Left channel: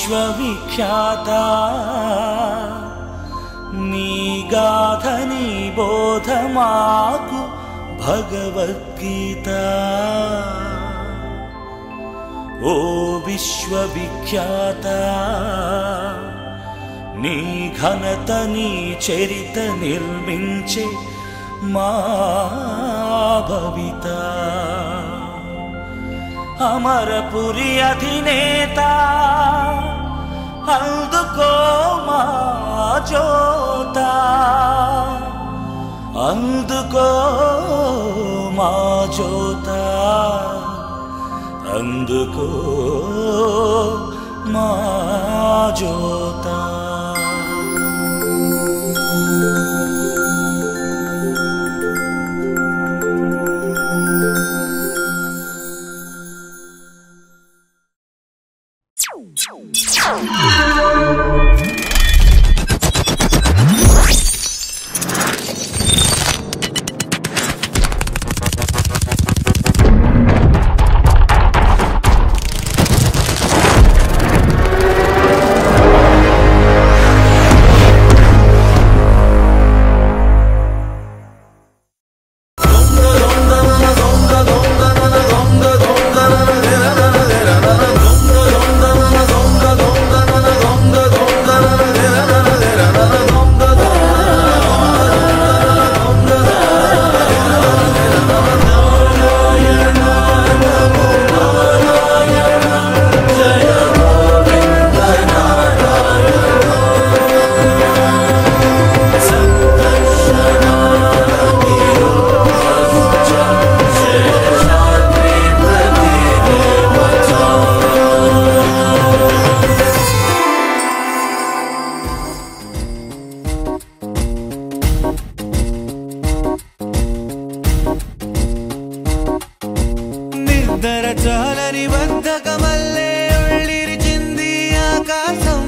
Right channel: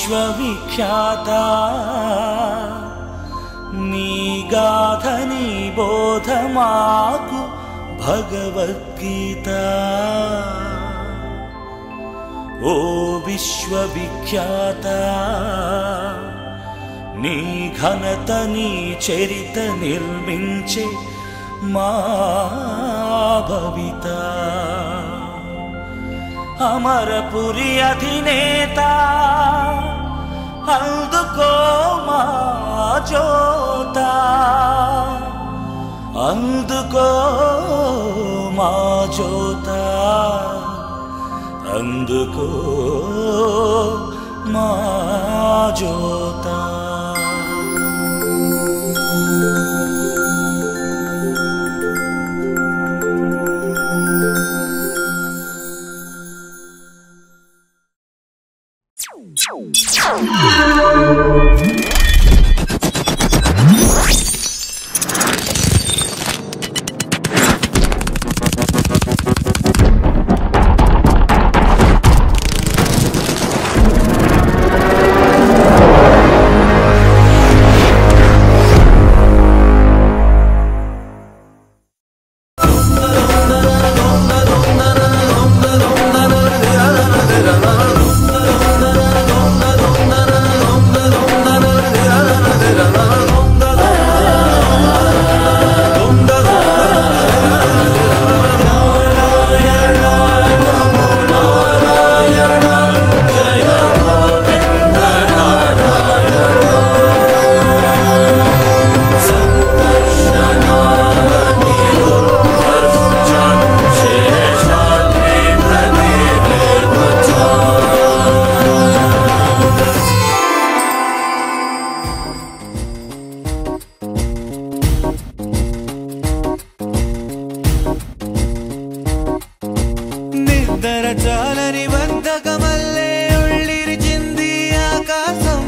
విశ్వవిఖ్యాత నీ గాథని బోధమాకు భగవద్గీత ఓ విశ్వవిఖ్యాత నీ ఘనత నీ చరిత నిర్మించే మా భవిత అమరపురి అధినేత అందుకో మా జోత అందుకో మా జోత అందుకో మా జోత చాలని బద్ధకమల్లే ఉళ్ళిరిచింది ఆకాశం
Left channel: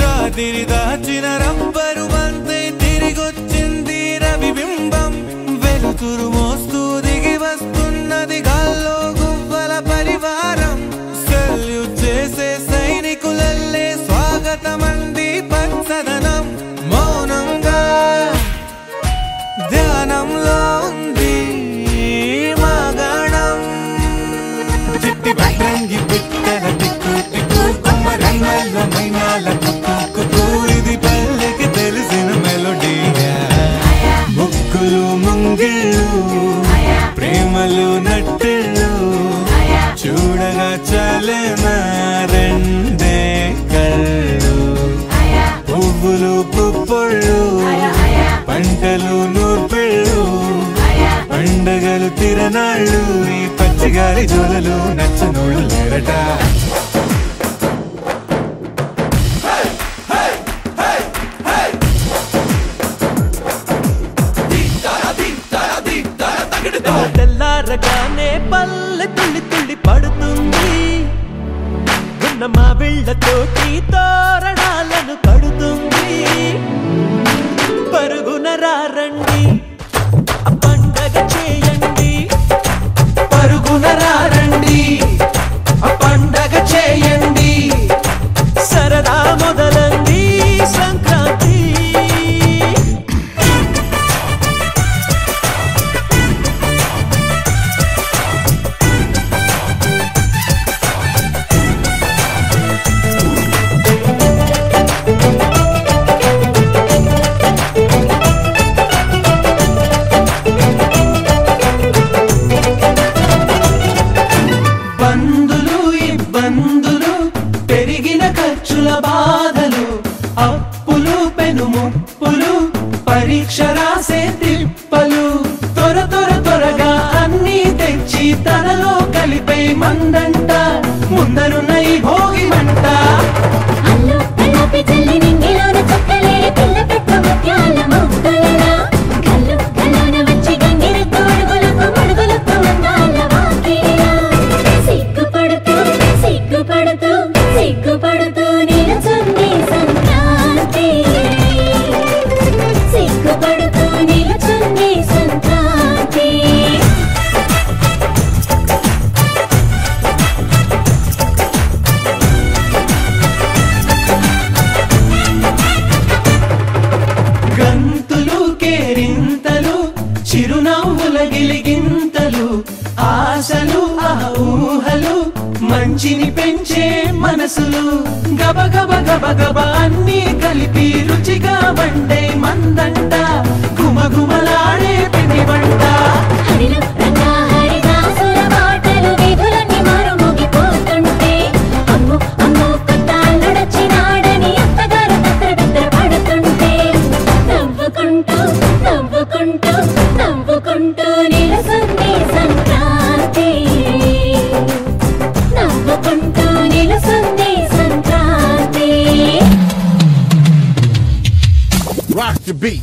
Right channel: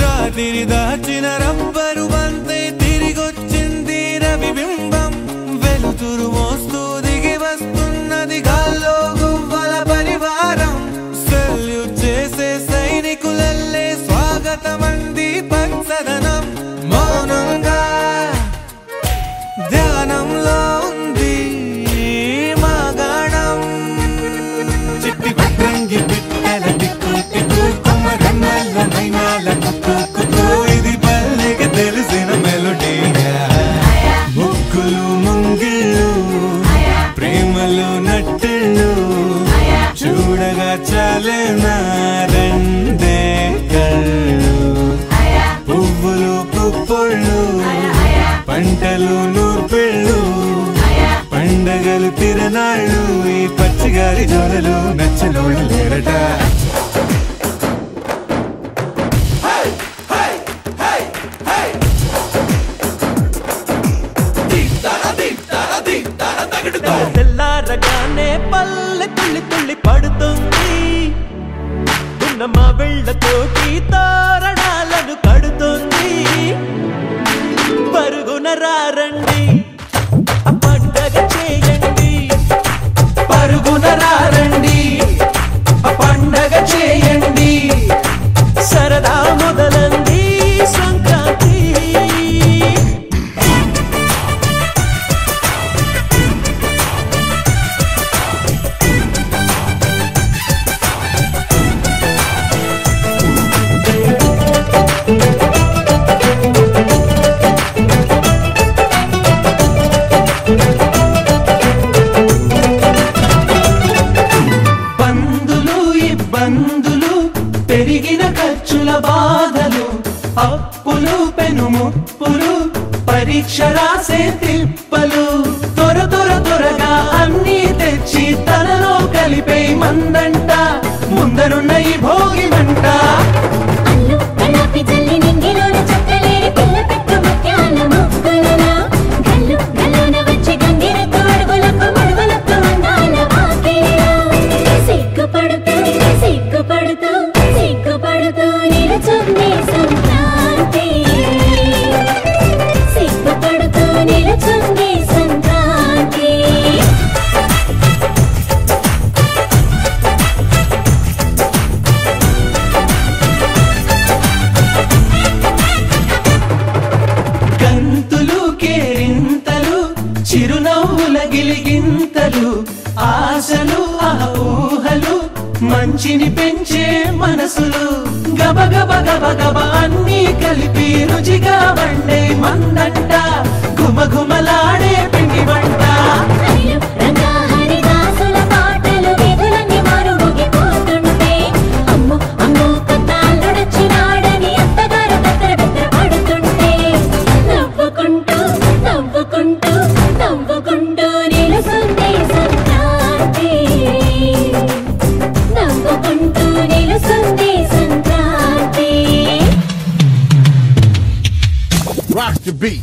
రాత్రి దాచిన రబ్బరు బంతే తిరిగొచ్చింది రవిబింబం వెలుతురు మోస్తూ దిగి వస్తున్నది గాల్లో గువ్వల పరివారం సెల్యూట్ చేసే సైనికులల్లే స్వాగతమంది పచ్చదనం మౌనంగా ధ్యానంలో ఉంది మగణం చిట్టి భద్రంగి బిట్టల టిక్కు టిక్కు కొమ్మరమ్మల మైనాల కుక్కు కుక్కు ఇది పల్లెకి తెలిసిన మెలోడీయా ముగ్గులు ముంగిళ్ళు ప్రేమలు నట్టిళ్ళు చూడగా చాలేనా రెండే కళ్ళు పువ్వులు పుప్పొళ్ళు పంటలు నూర్పిళ్ళు పండగలు తిరనాళ్ళు ఈ పచ్చిగారి జోలలు నచ్చనోళ్ళు లేరట తెల్లారగానే పల్లె తుళ్ళి తుళ్ళి పడుతుంది మా బిళ్ళతోటి తోరణాలను కడుతుంది పరుగున రారండి పండగ చేయండి పరుగున రారండి పండగ చేయండి సరదా మొదలండి సంక్రాంతి పరీక్ష రాసే తిప్పలు త్వరగా అన్నీ తెచ్చి తనలో కలిపే మందంట ముందరున్న ఈ భోగి మంట చిరునవ్వుల గిలిగింతలు ఆశలు ఆ ఊహలు మంచిని పెంచే మనసులు గబ అన్నీ కలిపి రుచిగా వండే మందంట గుమగుమలాడే పిండి వంట Rock the beat.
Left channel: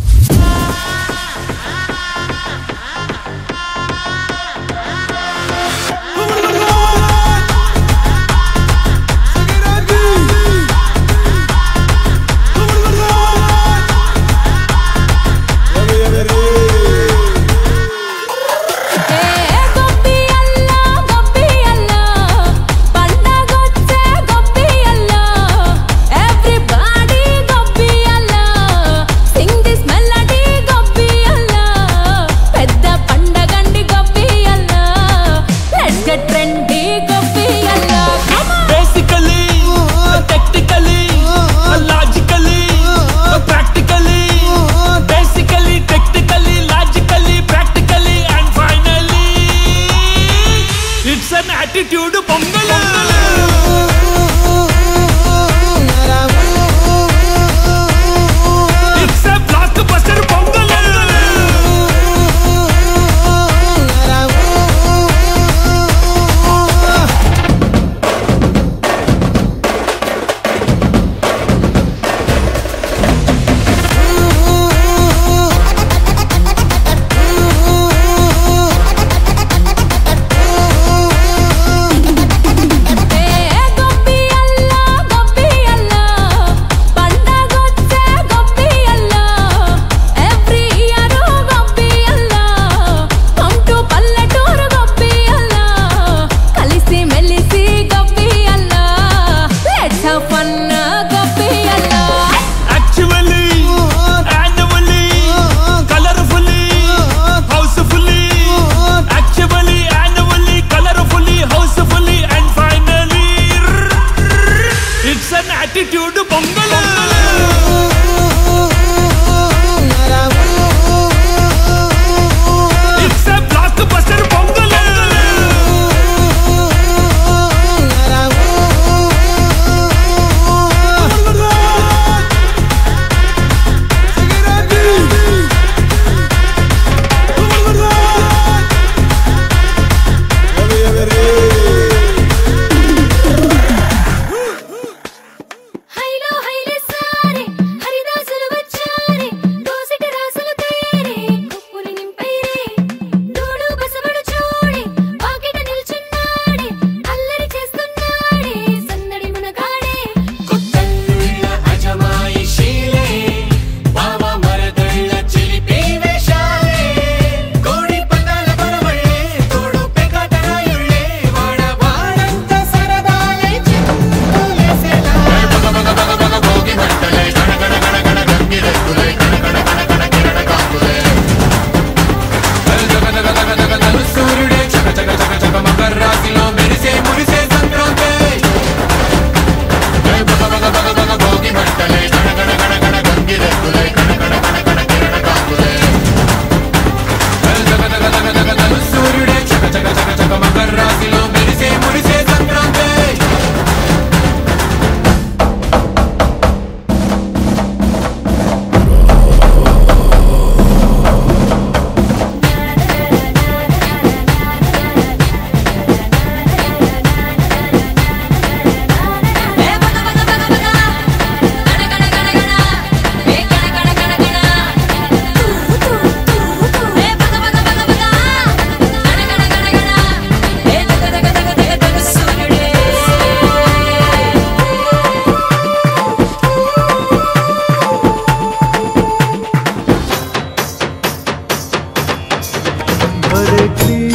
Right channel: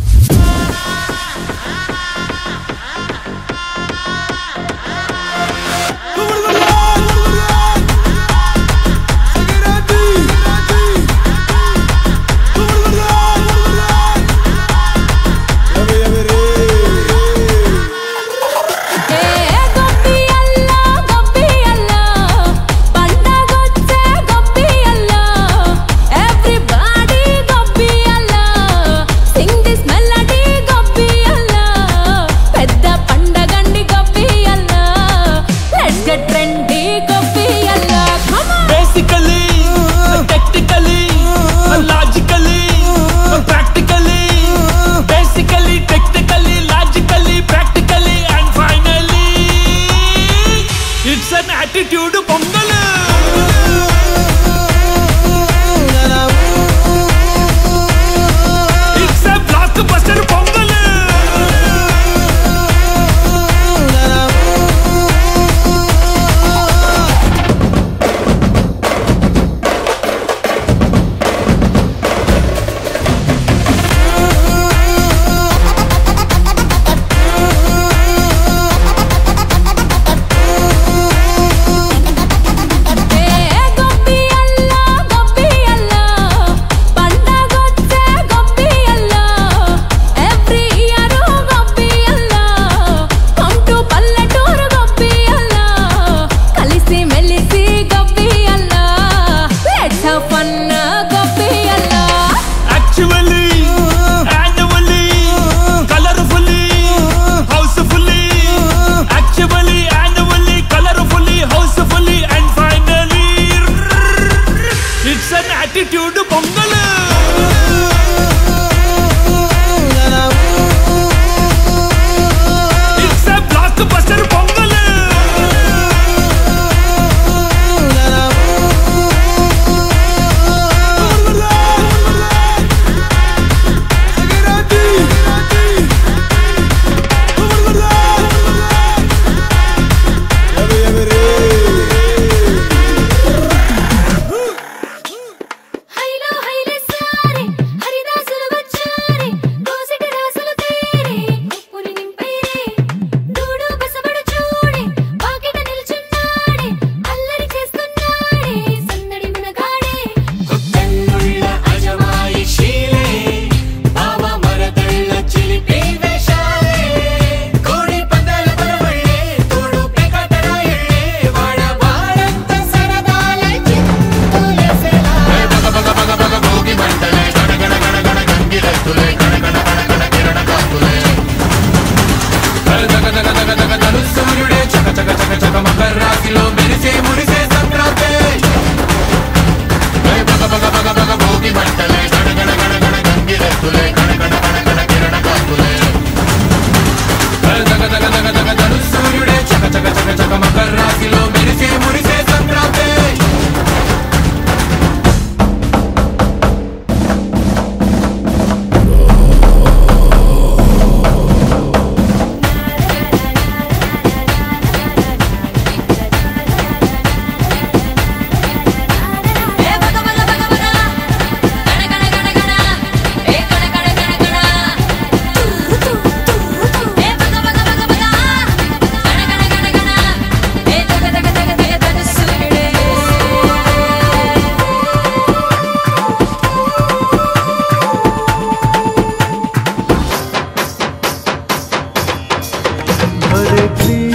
It's an attitude pongal It's a blockbuster pongal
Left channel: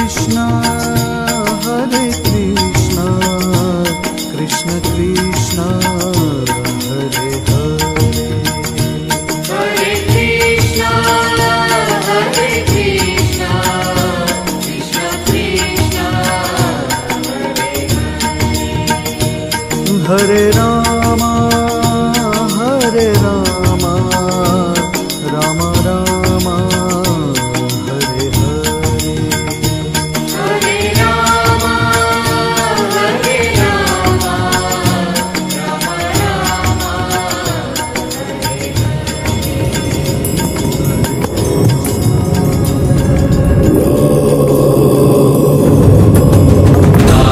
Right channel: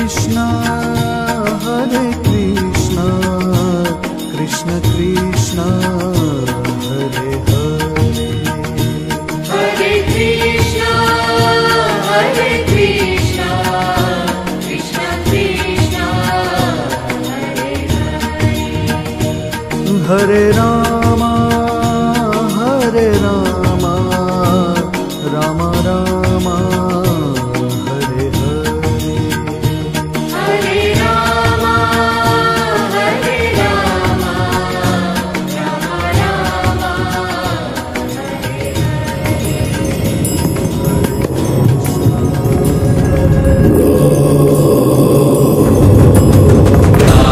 Krishna Hare Krishna Krishna Krishna Hare Hare Hare Rama Hare Rama Rama Rama Hare Hare Hare Rama Hare Rama Rama Rama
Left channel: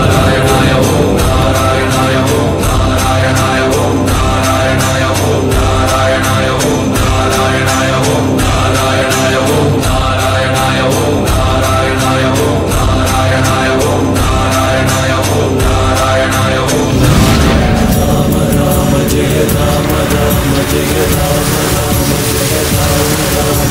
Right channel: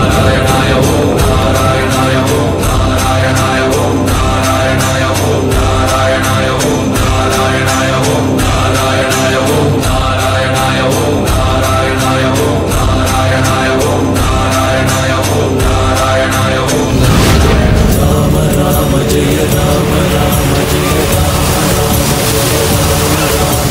Narayana Om Narayana Om Narayana Om Narayana Om Narayana Om Narayana Om Narayana Om Narayana Om Narayana Om Narayana Om Narayana Om Narayana Om Rama Rama Jaya Rama Rama Jaya Rama Rama Jaya Rama Rama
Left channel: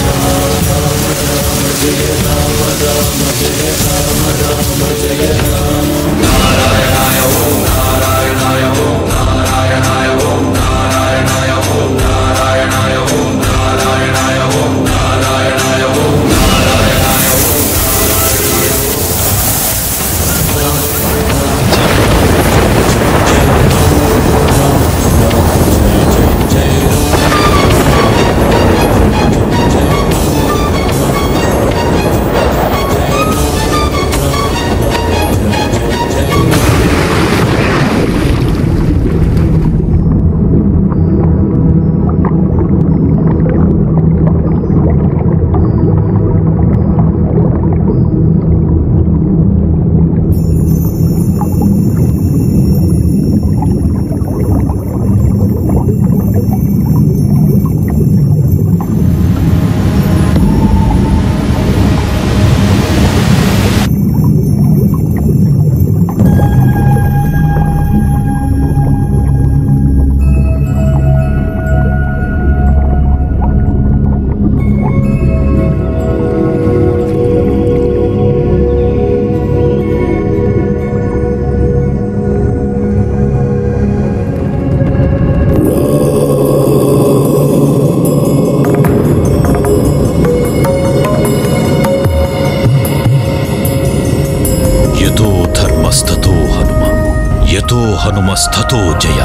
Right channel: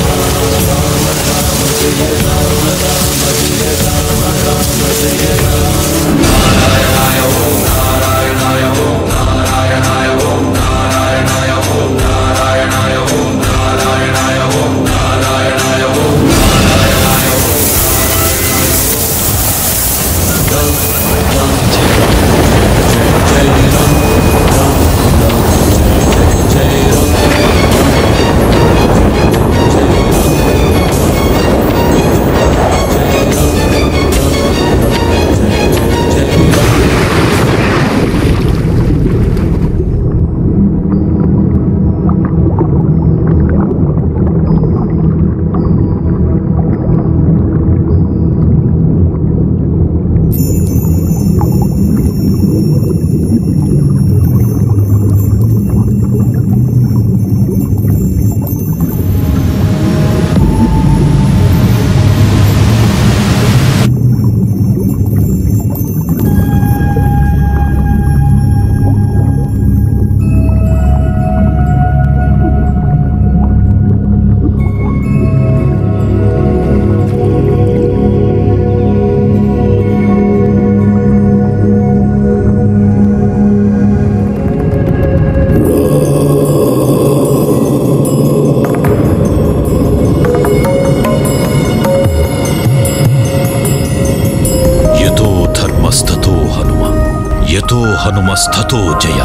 Rama Jaya Rama Rama Jaya Rama Rama Jaya Rama Narayana Om Narayana Om Narayana Om Narayana Om Narayana Om Narayana Om Narayana Om Narayana Om యతో ధర్మస్థతో Hanuma యతో హనుమస్థతో జయ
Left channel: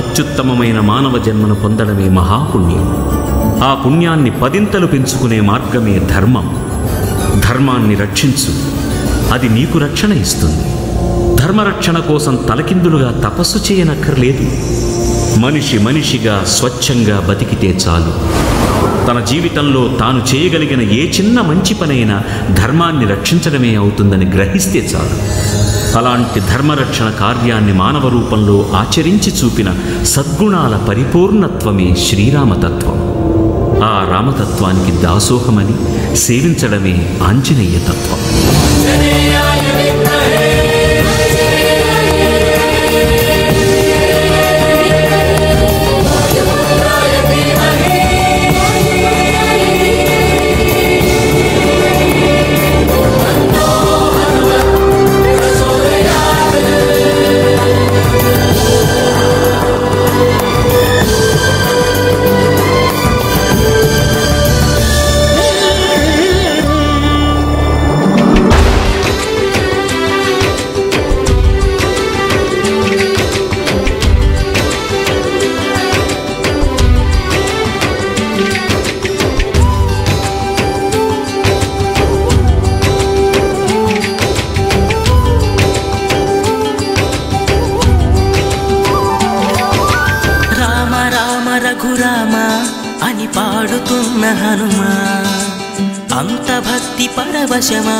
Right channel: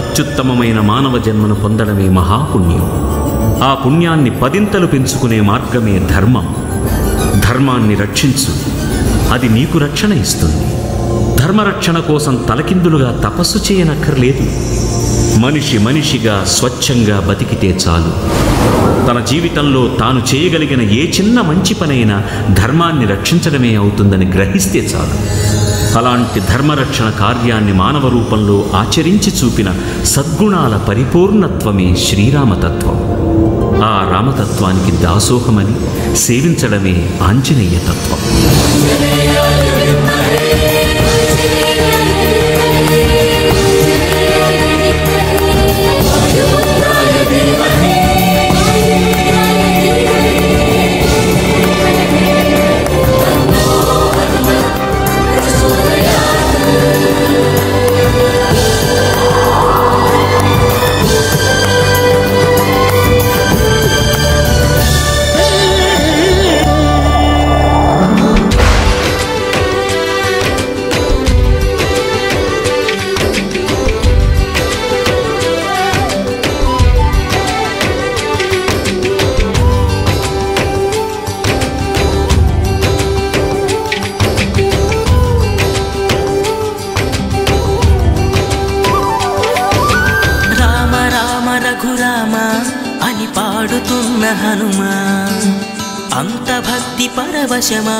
అత్యుత్తమమైన మానవ జన్మను పొందడమే మహాపుణ్యం. ఆ పుణ్యాన్ని పదింతలు పెంచుకునే మార్గమే ధర్మం. ధర్మాన్ని రక్షించు, అది నీకు రక్షణ ఇస్తుంది. ధర్మరక్షణ కోసం తలకిందులుగా తపస్సు చేయనక్కర్లేదు. మనిషి మనిషిగా స్వచ్ఛంగా బతికితే చాలు. తన జీవితంలో తాను చేయగలిగిన ఏ చిన్న మంచి పనైనా ధర్మాన్ని రక్షించడమే అవుతుందని గ్రహిస్తే చాలు. అలాంటి ధర్మరక్షణ కార్యాన్ని మానవ రూపంలో ఆచరించి చూపిన సద్గుణాల పరిపూర్ణత్వమే శ్రీరామతత్వం. ఆ రామతత్వానికి దాసోహమని సేవించడమే ఆంజనేయ తత్వం. రఘురామ అని పాడుతున్న హనుమా, అంత భక్తి పరవశమా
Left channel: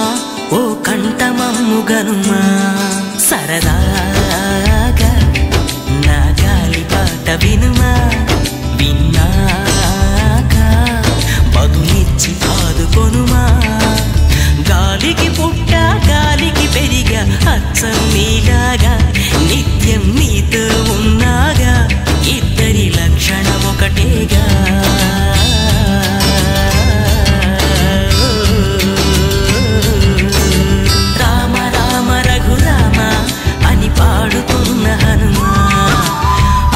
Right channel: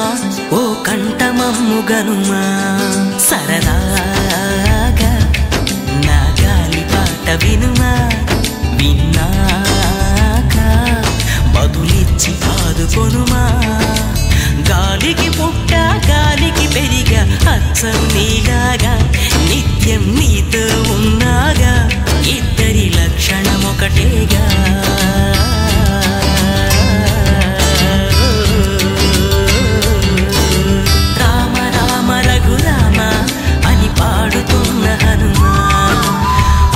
ఓ కంఠమమ్ము గనుమా. సరదాగా నా గాలి పాట వినుమా, విన్నాక బదులిచ్చి ఆదుకొనుమా. గాలికి పుట్ట గాలికి పెరిగా అచ్చం నీలాగా, నిత్యం నీతో ఉన్నాగా, ఇద్దరి లక్షణం ఒకటేగా. రామ రామ రఘురామ అని పాడుతున్న హనుమా,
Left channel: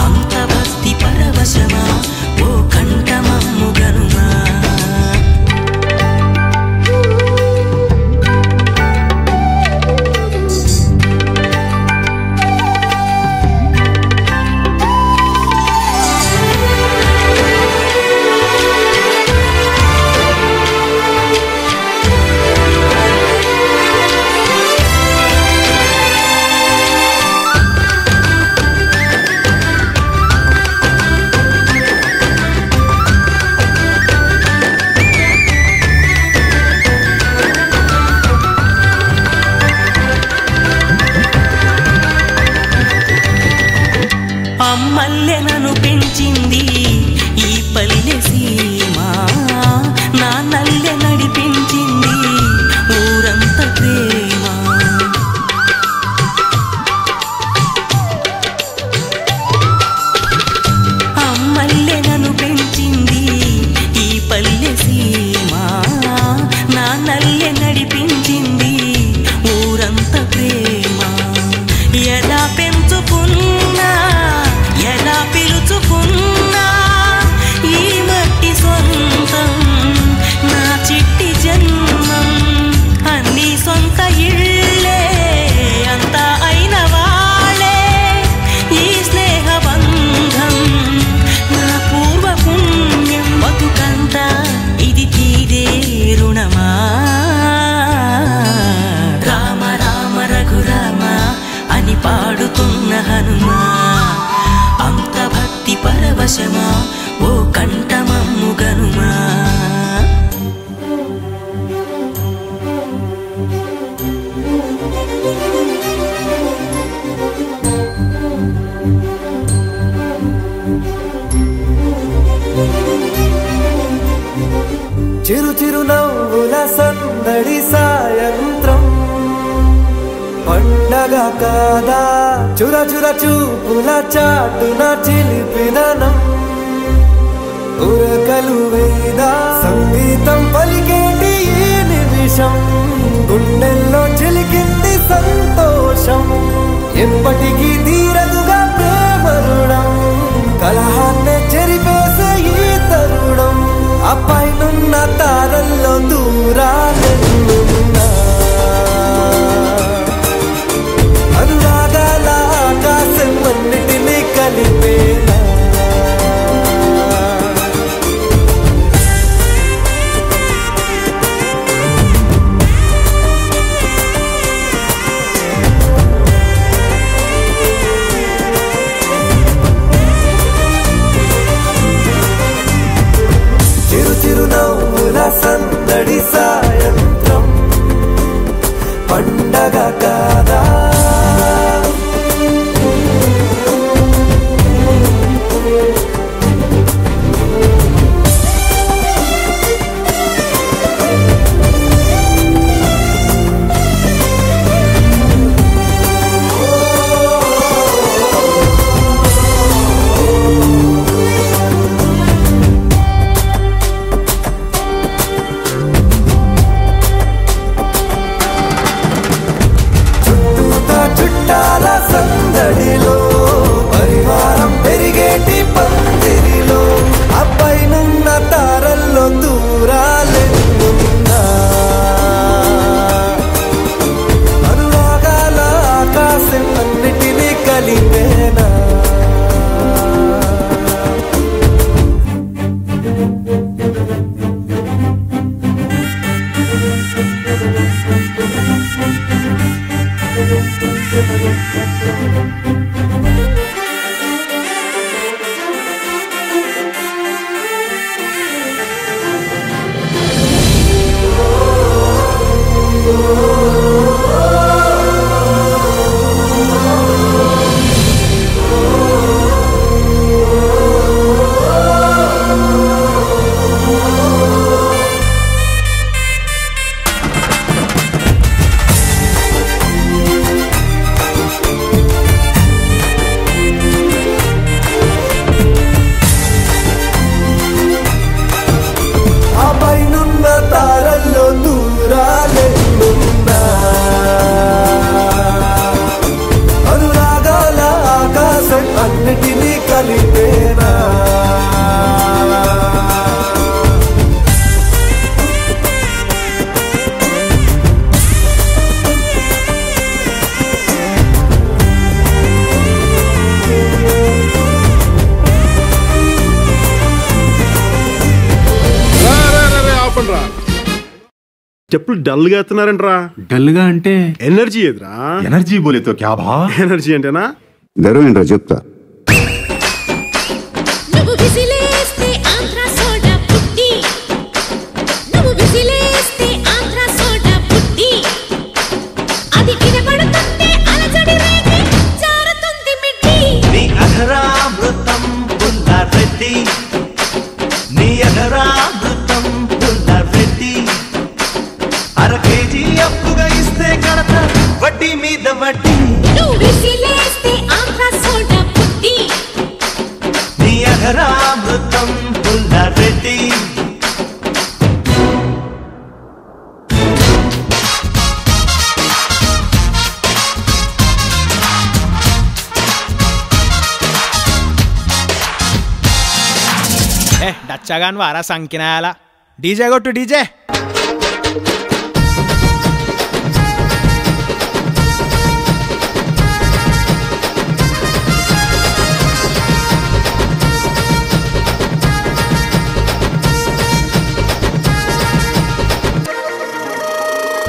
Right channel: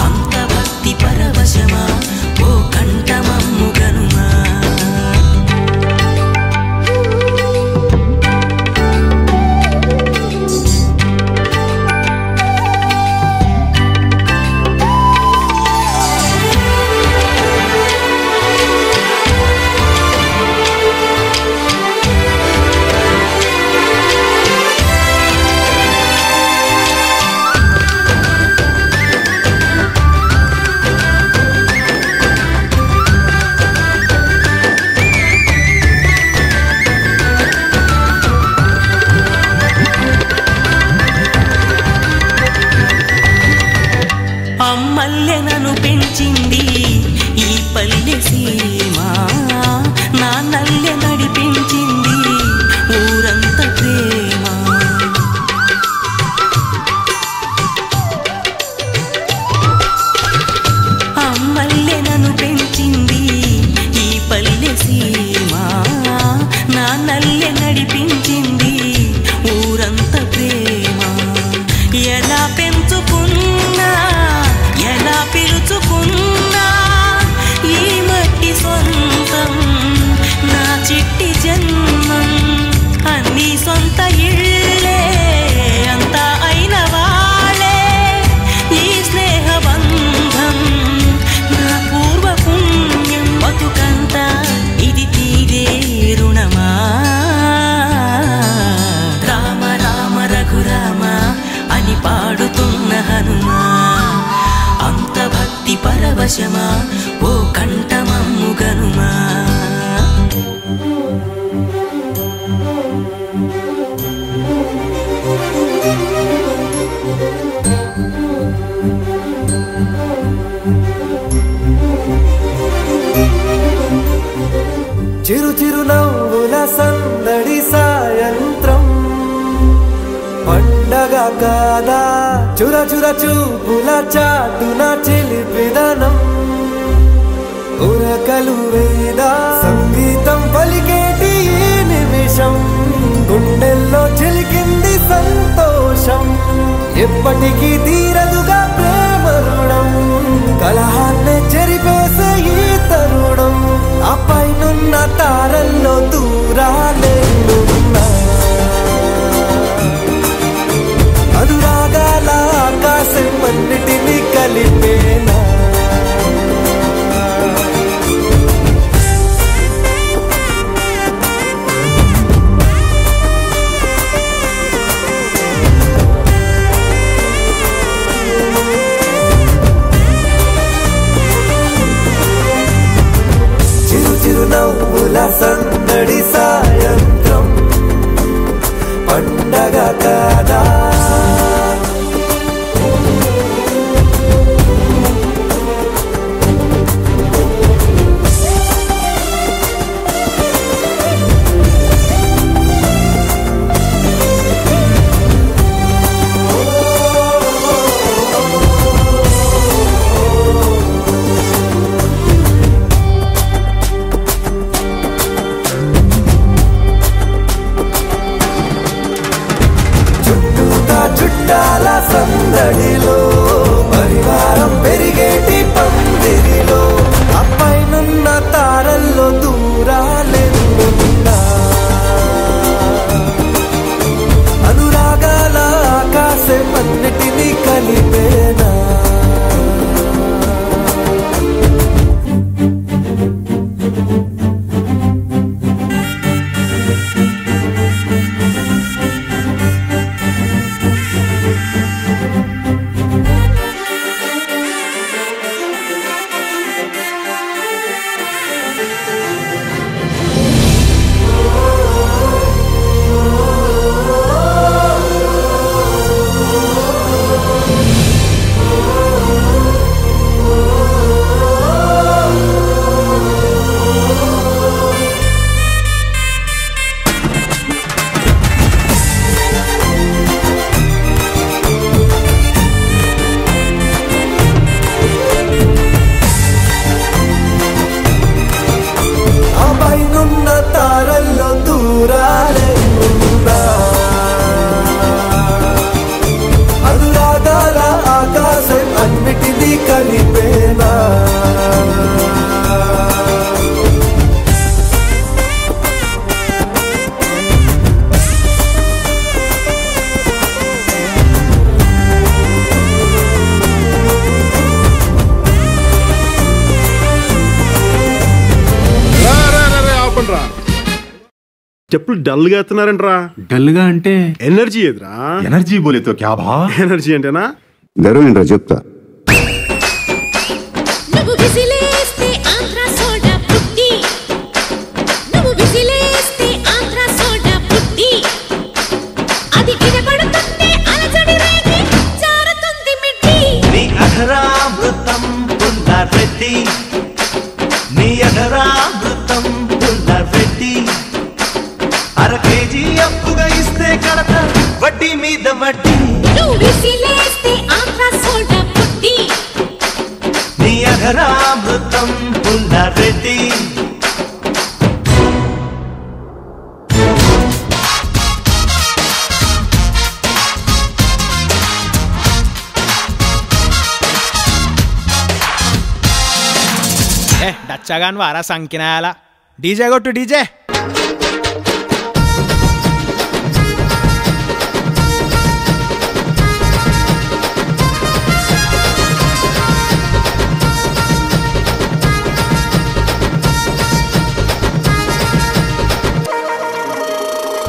అంత భక్తి పరవశమా ఓ కంఠమమ్ము గనుమా. అమ్మల్లె నన్ను పెంచింది ఈ పల్లె సీమ, నాన్నల్లె నడిపించింది ఊరంత ప్రేమ. అమ్మల్లె నన్ను పెంచింది ఈ పల్లె సీమ, నాన్నల్లె నడిపించింది ఊరంత ప్రేమ. ఎలా పెంచుకున్నా ఎలా పిలుచుకున్నా ఈ మట్టి సొంతం నా చిట్టి జన్మం. అన్ని సొంత ఇళ్ళే అంతా అయిన వాళ్ళే ఈ స్నేహ బంధం నా పూర్వ పుణ్యం. బతుకంతా ఇది తీరే రుణమా. రామ రామ రఘురామ అని పాడుతున్న హనుమా, అంత భక్తి పరవశమా ఓ కంఠమమ్ము గనుమా. చిరు చిరు నవ్వుల సందడి సాయంత్రం, పండగ కాదా చుర చుర చూపుల చాటున చిలిపిదనం. ఉరకలు వేదా సంగీతం పలికేటి ఈ నిమిషం, గుండెల్లో చిలికింది సంతోషం. ఎప్పటికీ తీరదుగా ప్రేమ రుణం, కలహాన్నే చెరిపేసే ఈ తరుణం. ఆ పైనున్న తారల్లో దూరాలే అనువాదాల ఆకాశం అన్నిటినీ కలిపేలా. స్టెప్పులు డల్ గా ఎత్తున్నారంట్రా. డల్ గా అంటే ఎనర్జీ ఎదురా. ఎనర్జీ బోలేతో క్యా భా? ఎనర్జీ అంటేనా గర్వం ఏంట్రా చెప్తా. నువ్వు విసిలేస్తే ఆంధ్ర సోడా పుట్టి, నువ్వు విసిలేస్తే ఆంధ్ర సోడా పుట్టి, అది వినబడుతుంటే అలజడి రేగి జారుతుంది మిట్టి. నీ అధరామృతం పుల్లారెడ్డి, నీ అధరామృతం పుల్లారెడ్డి, అర కేజీ అప్పుగా ఇస్తే కడత వడ్డీ మీద వడ్డీ. నువ్వు విసిలేస్తే ఆంధ్ర సోడా పుట్టి, నీ అధరామృతం పుల్లారెడ్డి. డచ్చగాన్ వారా సంకినాయాల. డీజే కొట్టు డీజే.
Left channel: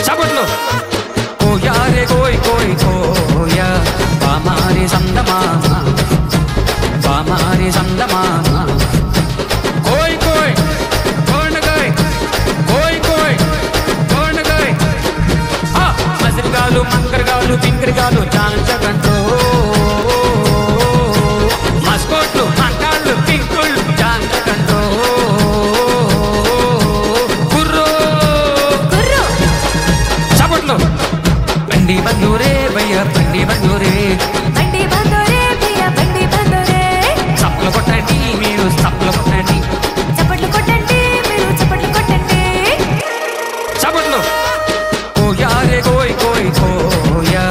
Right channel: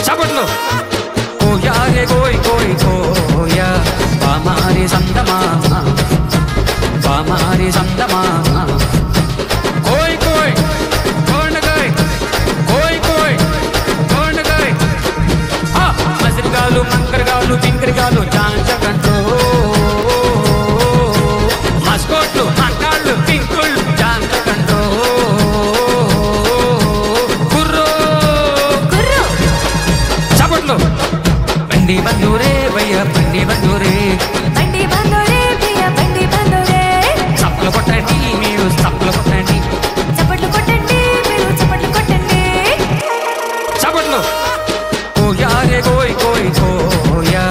చప్పట్లు. కోయా రే కోయ్ కోయ్ కోయా పామారి సందమామ, పామారి సందమామ. కోయ్ కోయ్ కోండగాయ్, కోయ్ కోయ్ కోండగాయ్. మసిరిగాలు మంకరగాలు పింకరిగాలు జాంచగంటో, మస్కోట్లు మంకాళ్ళు పింకుళ్ళు జాంచగంటో. బండి బందూరే భయ్య బండి బందూరే, బండి బందోరే భయ్య బండి బందోరే. చప్పలు కొట్టండి మీరు చప్పలు కొట్టండి, చప్పట్లు కొట్టండి మీరు చప్పట్లు కొట్టండి. చప్పట్లు. కోయా రే కోయ్ కోయ్ కోయా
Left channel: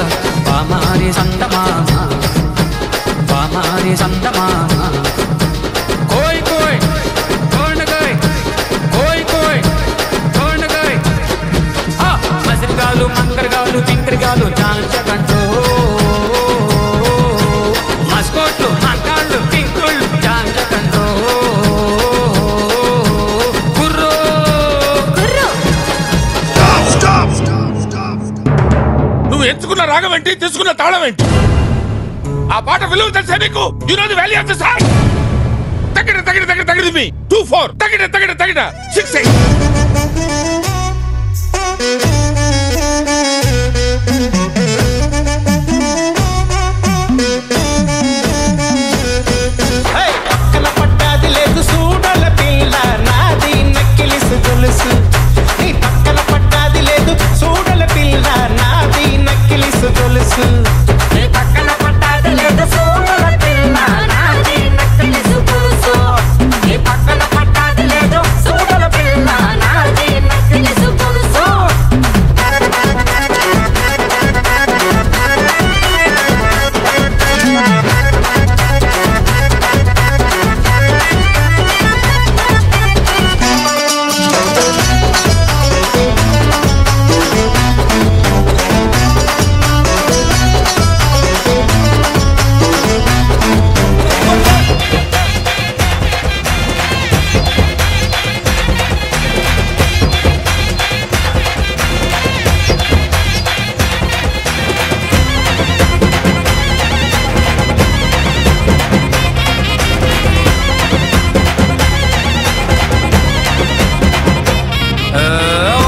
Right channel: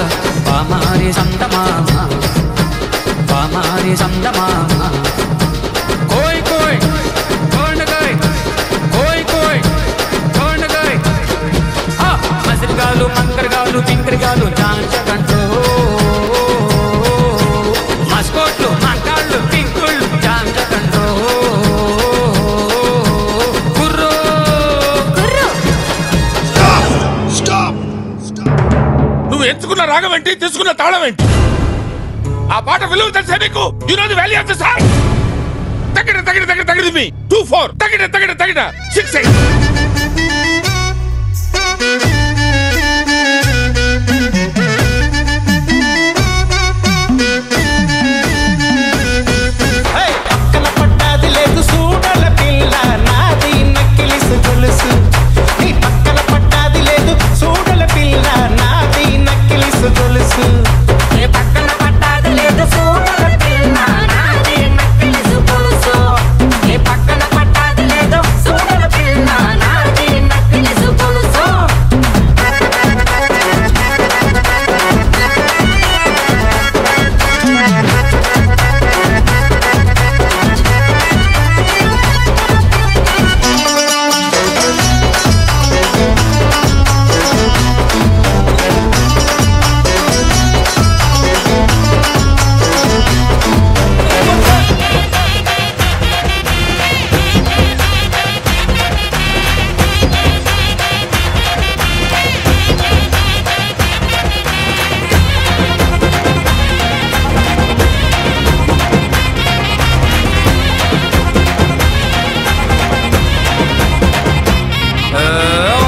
పామారి సందమామ, పామారి సందమామ. కోయ్ కోయ్ కోండగాయ్, కోయ్ కోయ్ కోండగాయ్. మసిరిగాలు మంకరగాలు పింకరిగాలు జాంచగంటో, మస్కోట్లు మంకాళ్ళు పింకుళ్ళు జాంచగంటో. కుర్రో కుర్రో. నువ్వు ఎంచుకున్న రాగం ఏంటి, తీసుకున్న తాళం ఏంటి? ఆ పాట విలువ తెలుసా నీకు? You know the value of the song. తగిడ తగిడ తగిడ తగిడ మీ 2-4 తగిడ తగిడ తగిడ 6-8. పక్కన పడ్డాది లేదు సూడల పిల్ల, నాది నక్కిలిసు గొలుసు. నీ పక్కన పడ్డాది లేదు సూడల పిల్ల, నాది నక్కిలిసు గొలుసు. నీ పక్కన పడ్డాది లేదు సూడల పిల్ల, నాది నక్కిలిసు గొలుసు. నీ పక్కన పడ్డాది లేదు సూడల పిల్ల, నాది నక్కిలిసు గొలుసు.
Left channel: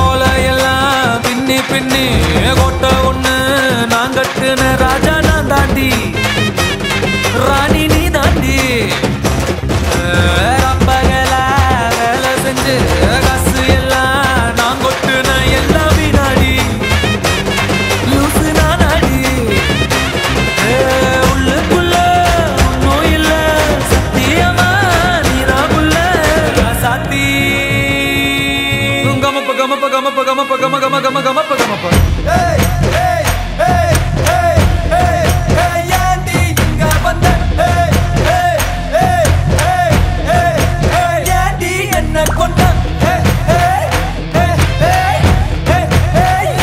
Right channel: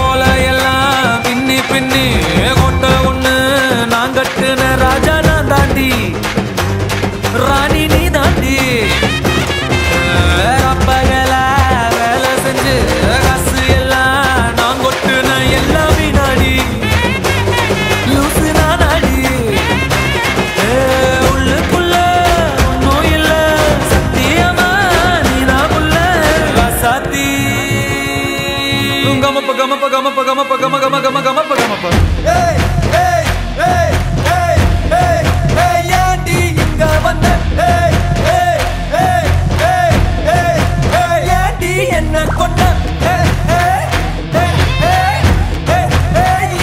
ஓலையெல்லாம் பின்னி பின்னி கொட்ட ஒண்ணு நான் கட்டுன ராஜா நான் தாண்டி, ராணி நீ தாண்டி. ரப்பகல வேலை செஞ்சு காசு எல்லாம் நான் கொட்டுன எல்லாம் வினாடி. லூசு நானாடி உள்ளுக்குள்ள ஒன்னும் இல்ல, சத்தியமா நீதான் உள்ள சாத்தி. గమప గమప గమప గమప గమ గమ గమ గమప గమప. ஏண்டி இங்க வந்த, ஏண்டி என்ன கொண்ட,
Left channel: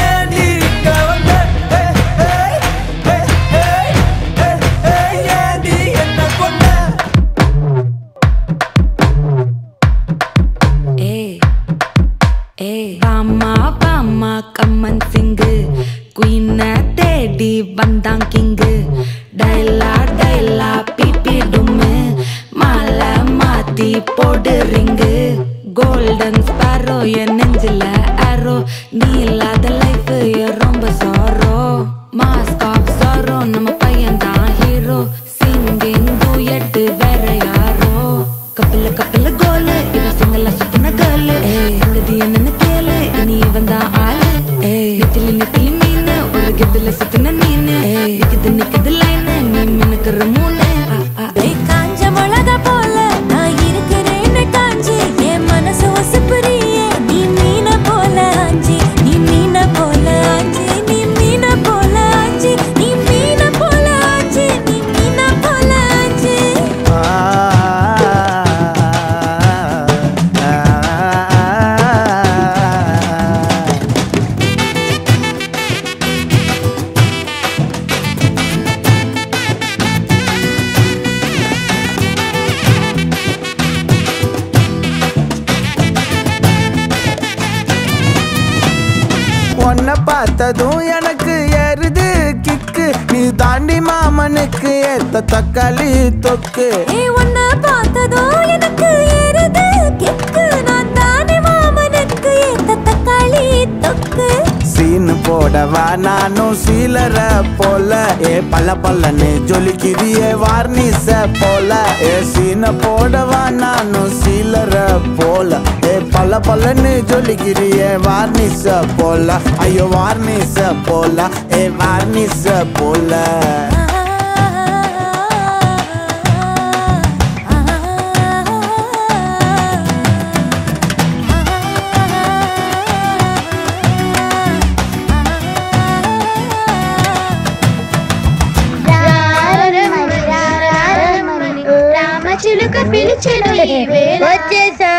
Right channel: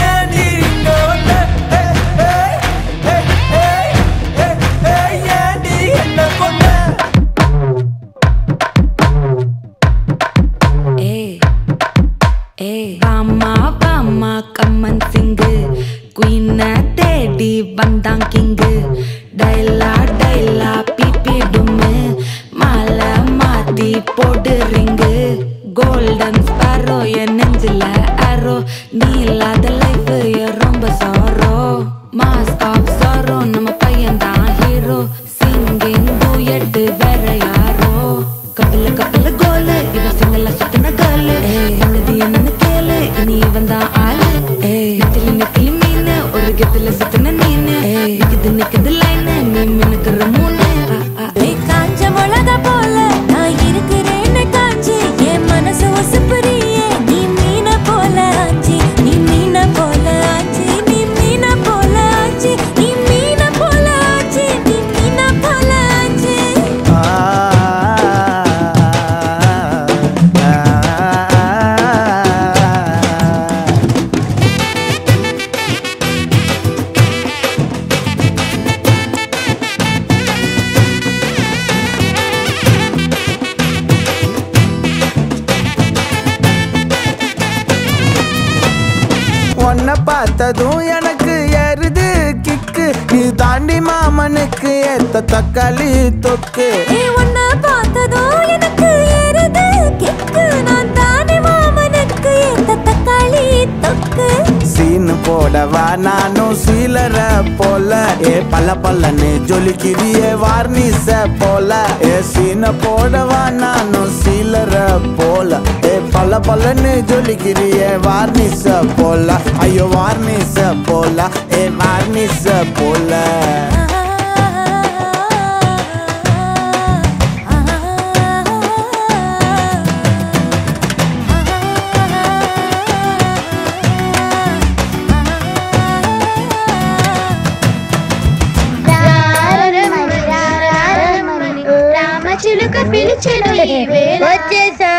ஏண்டி இங்க வந்த, ஏண்டி என்ன கொண்ட. Bama, bama. போடு ரிங்கு கோல்டன் ஸ்பாரோ என் நெஞ்சில ஆரோ நீ இல்லாத லைஃப் ரொம்ப சாரோ மாஸ்க் ஆஃப் சாரோ நம்ம பையன் தான் ஹீரோ சிங்கிங் டூயட் வேற யாரோ கப்பல கோலு இவ சிங்கல சுத்தின கேளு சங்கதி என்னன்னு கேளு இனி இவன் தான் ஆளு நெத்திலி மீன் ஒரு கெத்துல சுத்தின நீனு நிக்குது லைன் நீ மினுக்குற மூணு காஞ்ச மிளகா போல நான் இருக்கிறேன்னு காஞ்சி என் மனசு ஒசுப்புறியே நீ மீன போல ஆஞ்சி நீ மீன போல ஆஞ்சி நீ மீன போல ஆஞ்சி நீ மீன போல ஆஞ்சி நீ மீன போல ஆஞ்சி உன்னை பார்த்ததும் எனக்கு ஏறுது கிக்கு நீ தாண்டி மாமனுக்கு ஏத்த தக்காளி தொக்கு உன்னை பார்த்ததும் எனக்கு ஏறுது கிக்கு நான் தானே மாமனுக்கு ஏத்த தக்காளி தொக்கு சீனு போடவா நானும் சீலர போல பல்லன்னு ஜொலிக்கிறியே வார்னிச போல சீன போடவா நானும் சீலர போல பல்லன்னு ஜொலிக்கிறியே வார்னிச போல ஐயோ வார்னிச போல வார்னிச போல చిలుక పిలిచెను వచ్చేసా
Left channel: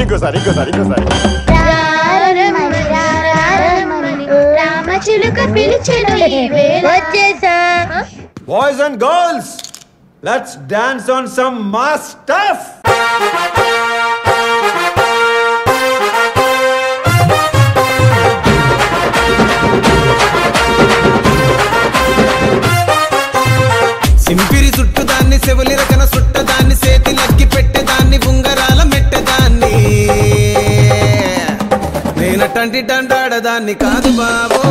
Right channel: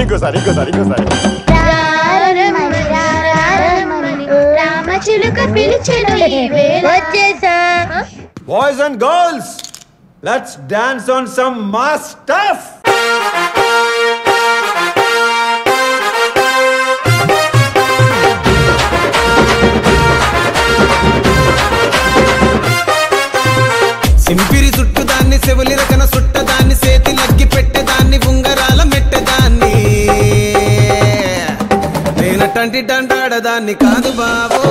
ఇంకోసారి రామ చిలుక పిలిచెను వచ్చేసా boys and girls let's dance on some mass stuff సింపిరి చుట్టుదాన్ని సెవులి రకన సుట్టదాన్ని సేతి లగ్గి పెట్టేదాన్ని ఉంగరాల మెట్టేదాన్ని నేనటంటి డండాడదాన్ని కాదు బావో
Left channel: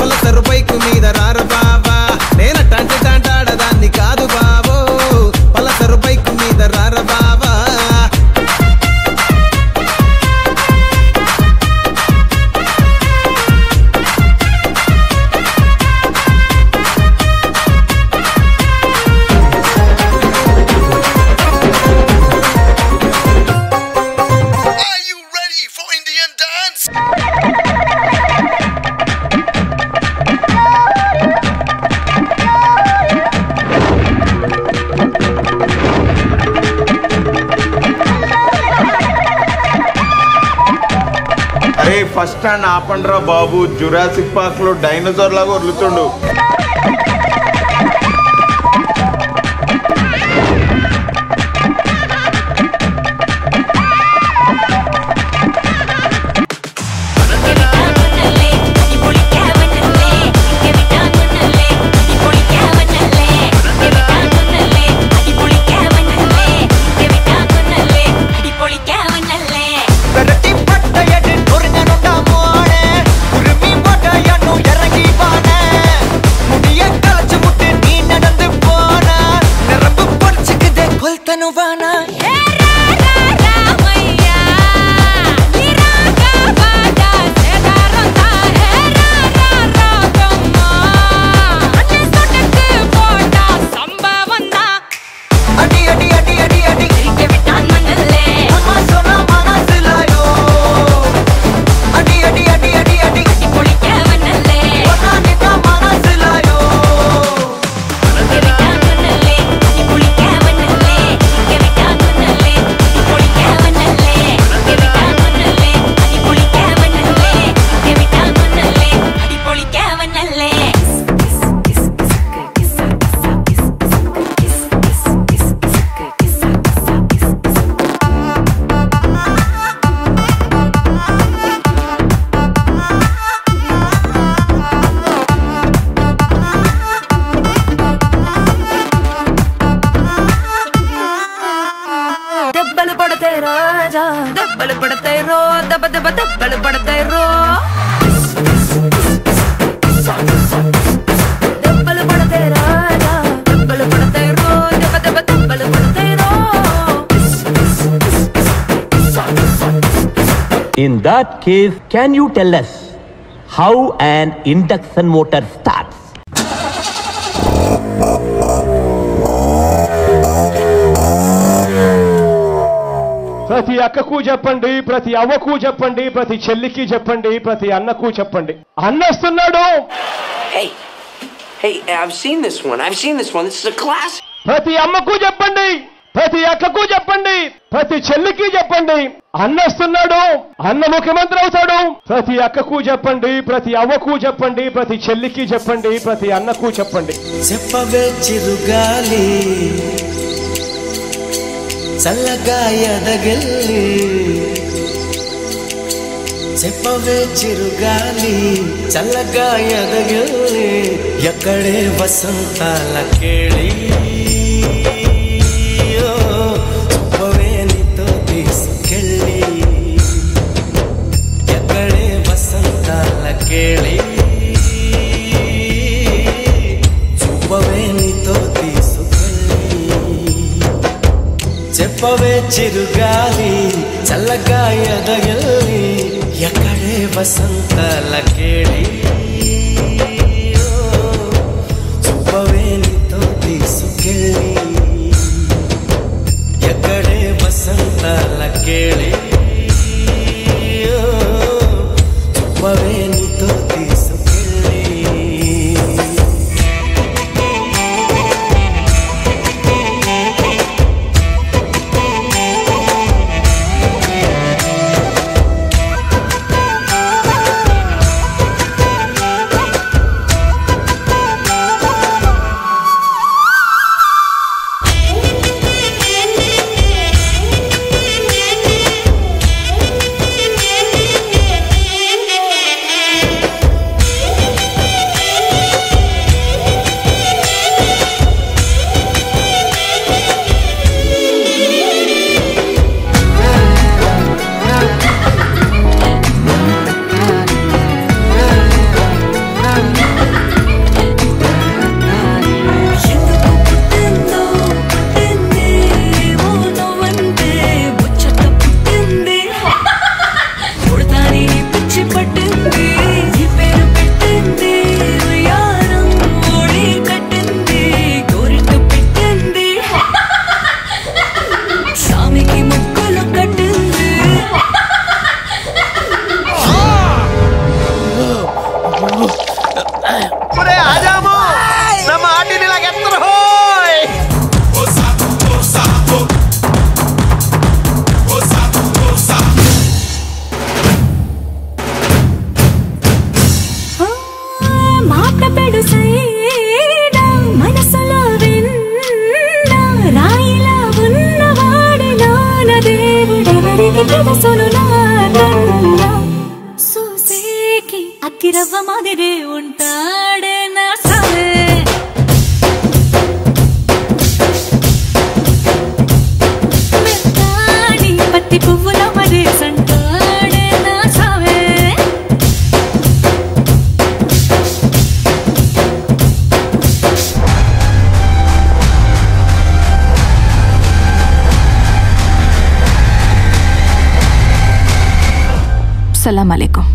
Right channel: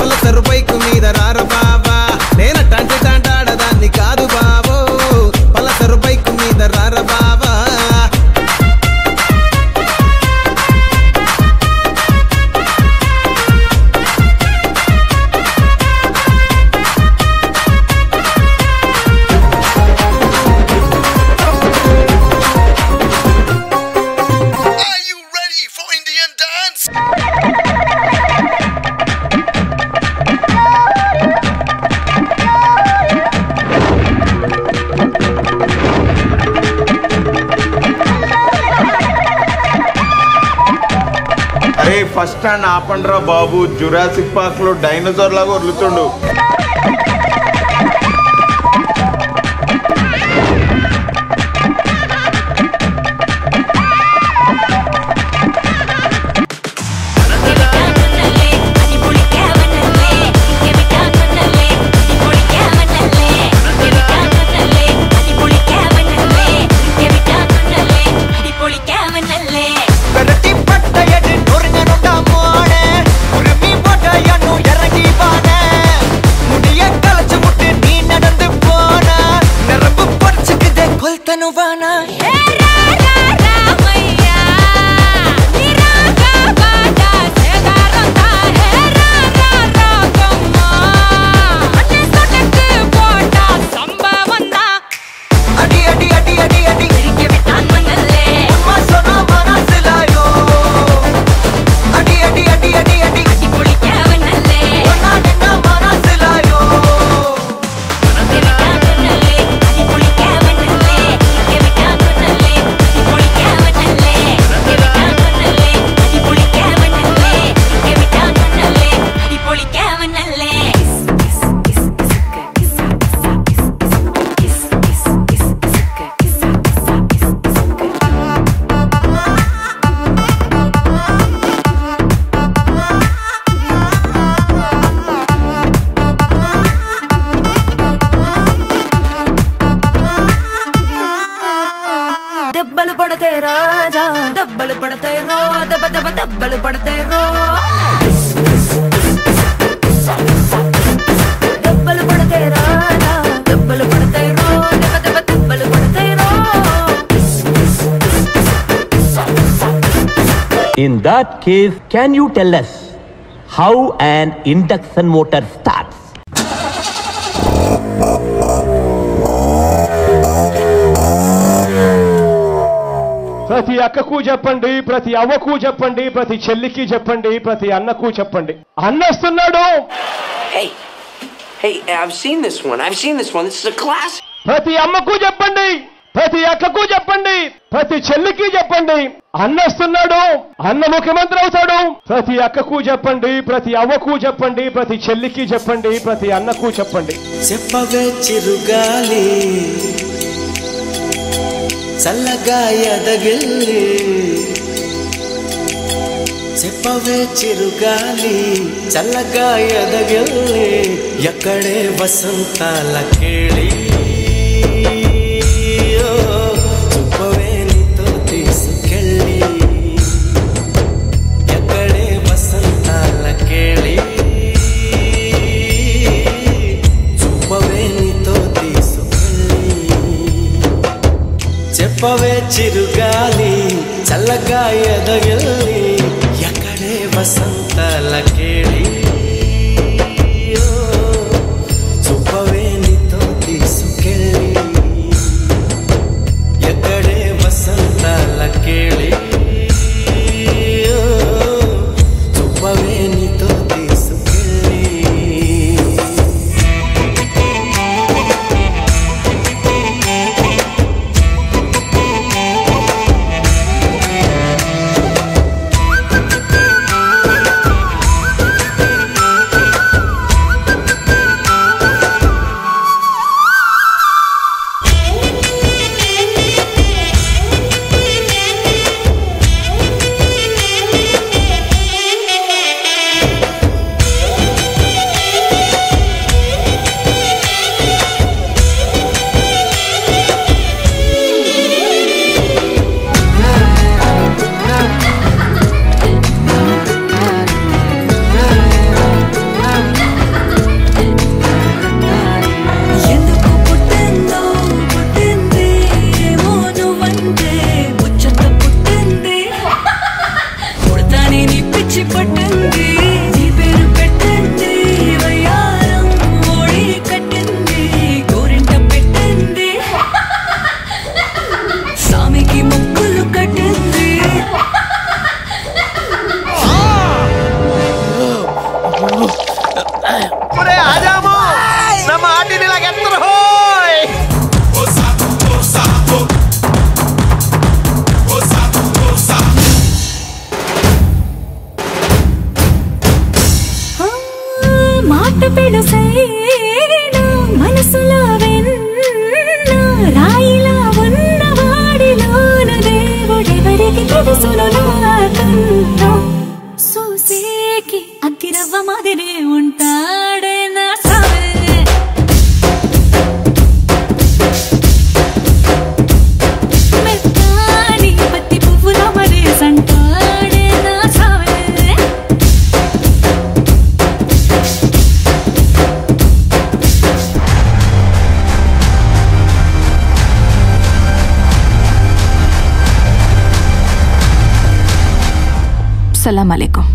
పలసరు బైకు మీద రార బావా నేనటంటి డండాడదాన్ని కాదు బావో పలసరు బైకు మీద రార బావా ఫస్ట్ స్టాండ్ ఆపండ్రా బాబు జురాసిక్ పార్క్ లో డైనోసార్ లాగా వదులుతుండు రాజా దెబ్బలు పడతాయి రో దెబ్బ దెబ్బ దెబ్బలు పడతాయి రో దెబ్బలు పడతాయి రాజా దెబ్బలు పడతాయి రో దెబ్బ దెబ్బ దెబ్బలు పడతాయి రో. In that case, can you tell us how an induction motor starts? ప్రతి అక్కకు చెప్పండి, ప్రతి అవ్వకు చెప్పండి, ప్రతి చెల్లికి చెప్పండి, ప్రతి అన్నకు చెప్పండి. అన్నస్తున్నాడు. Hey, I've seen this one. This is a classic. ప్రతి అమ్మకు చెప్పండి, ప్రతి అక్కకు చెప్పండి, ప్రతి చెల్లికి చెప్పండి. అన్నస్తున్నాడు, అన్న ముఖ్యమంత్రి అవుతాడు. ప్రతి అక్కకు చెప్పండి, ప్రతి అవ్వకు చెప్పండి, ప్రతి చెల్లికి చెప్పండి, ప్రతి అన్నకు చెప్పండి. చెప్పవే చిరుగాలి చల్లగా ఎదగిల్లి, చెప్పవే చిరుగాలి చల్లగా ఎదగిల్లి, ఎక్కడే వసంతాల కేళి, చూపవే నీతో తీసుకెళ్ళి, ఎక్కడే వసంతాల కేళి, చూపవే నీతో తీసుకెళ్ళి. చెప్పవే చిరుగాలి చల్లగా ఎదగిల్లి, ఎక్కడే వసంతాల కేళి, చూపవే నీతో తీసుకెళ్ళి, ఎక్కడే వసంతాల కేళి, చూపవే నీతో తీసుకెళ్ళి. అగ్గిరవ్వ మాదిరే ఉంటాడే నా సావే, మెత్తాని పత్తి పువ్వుల మరేసంటాడే నా సావే. సలాం అలైకుం.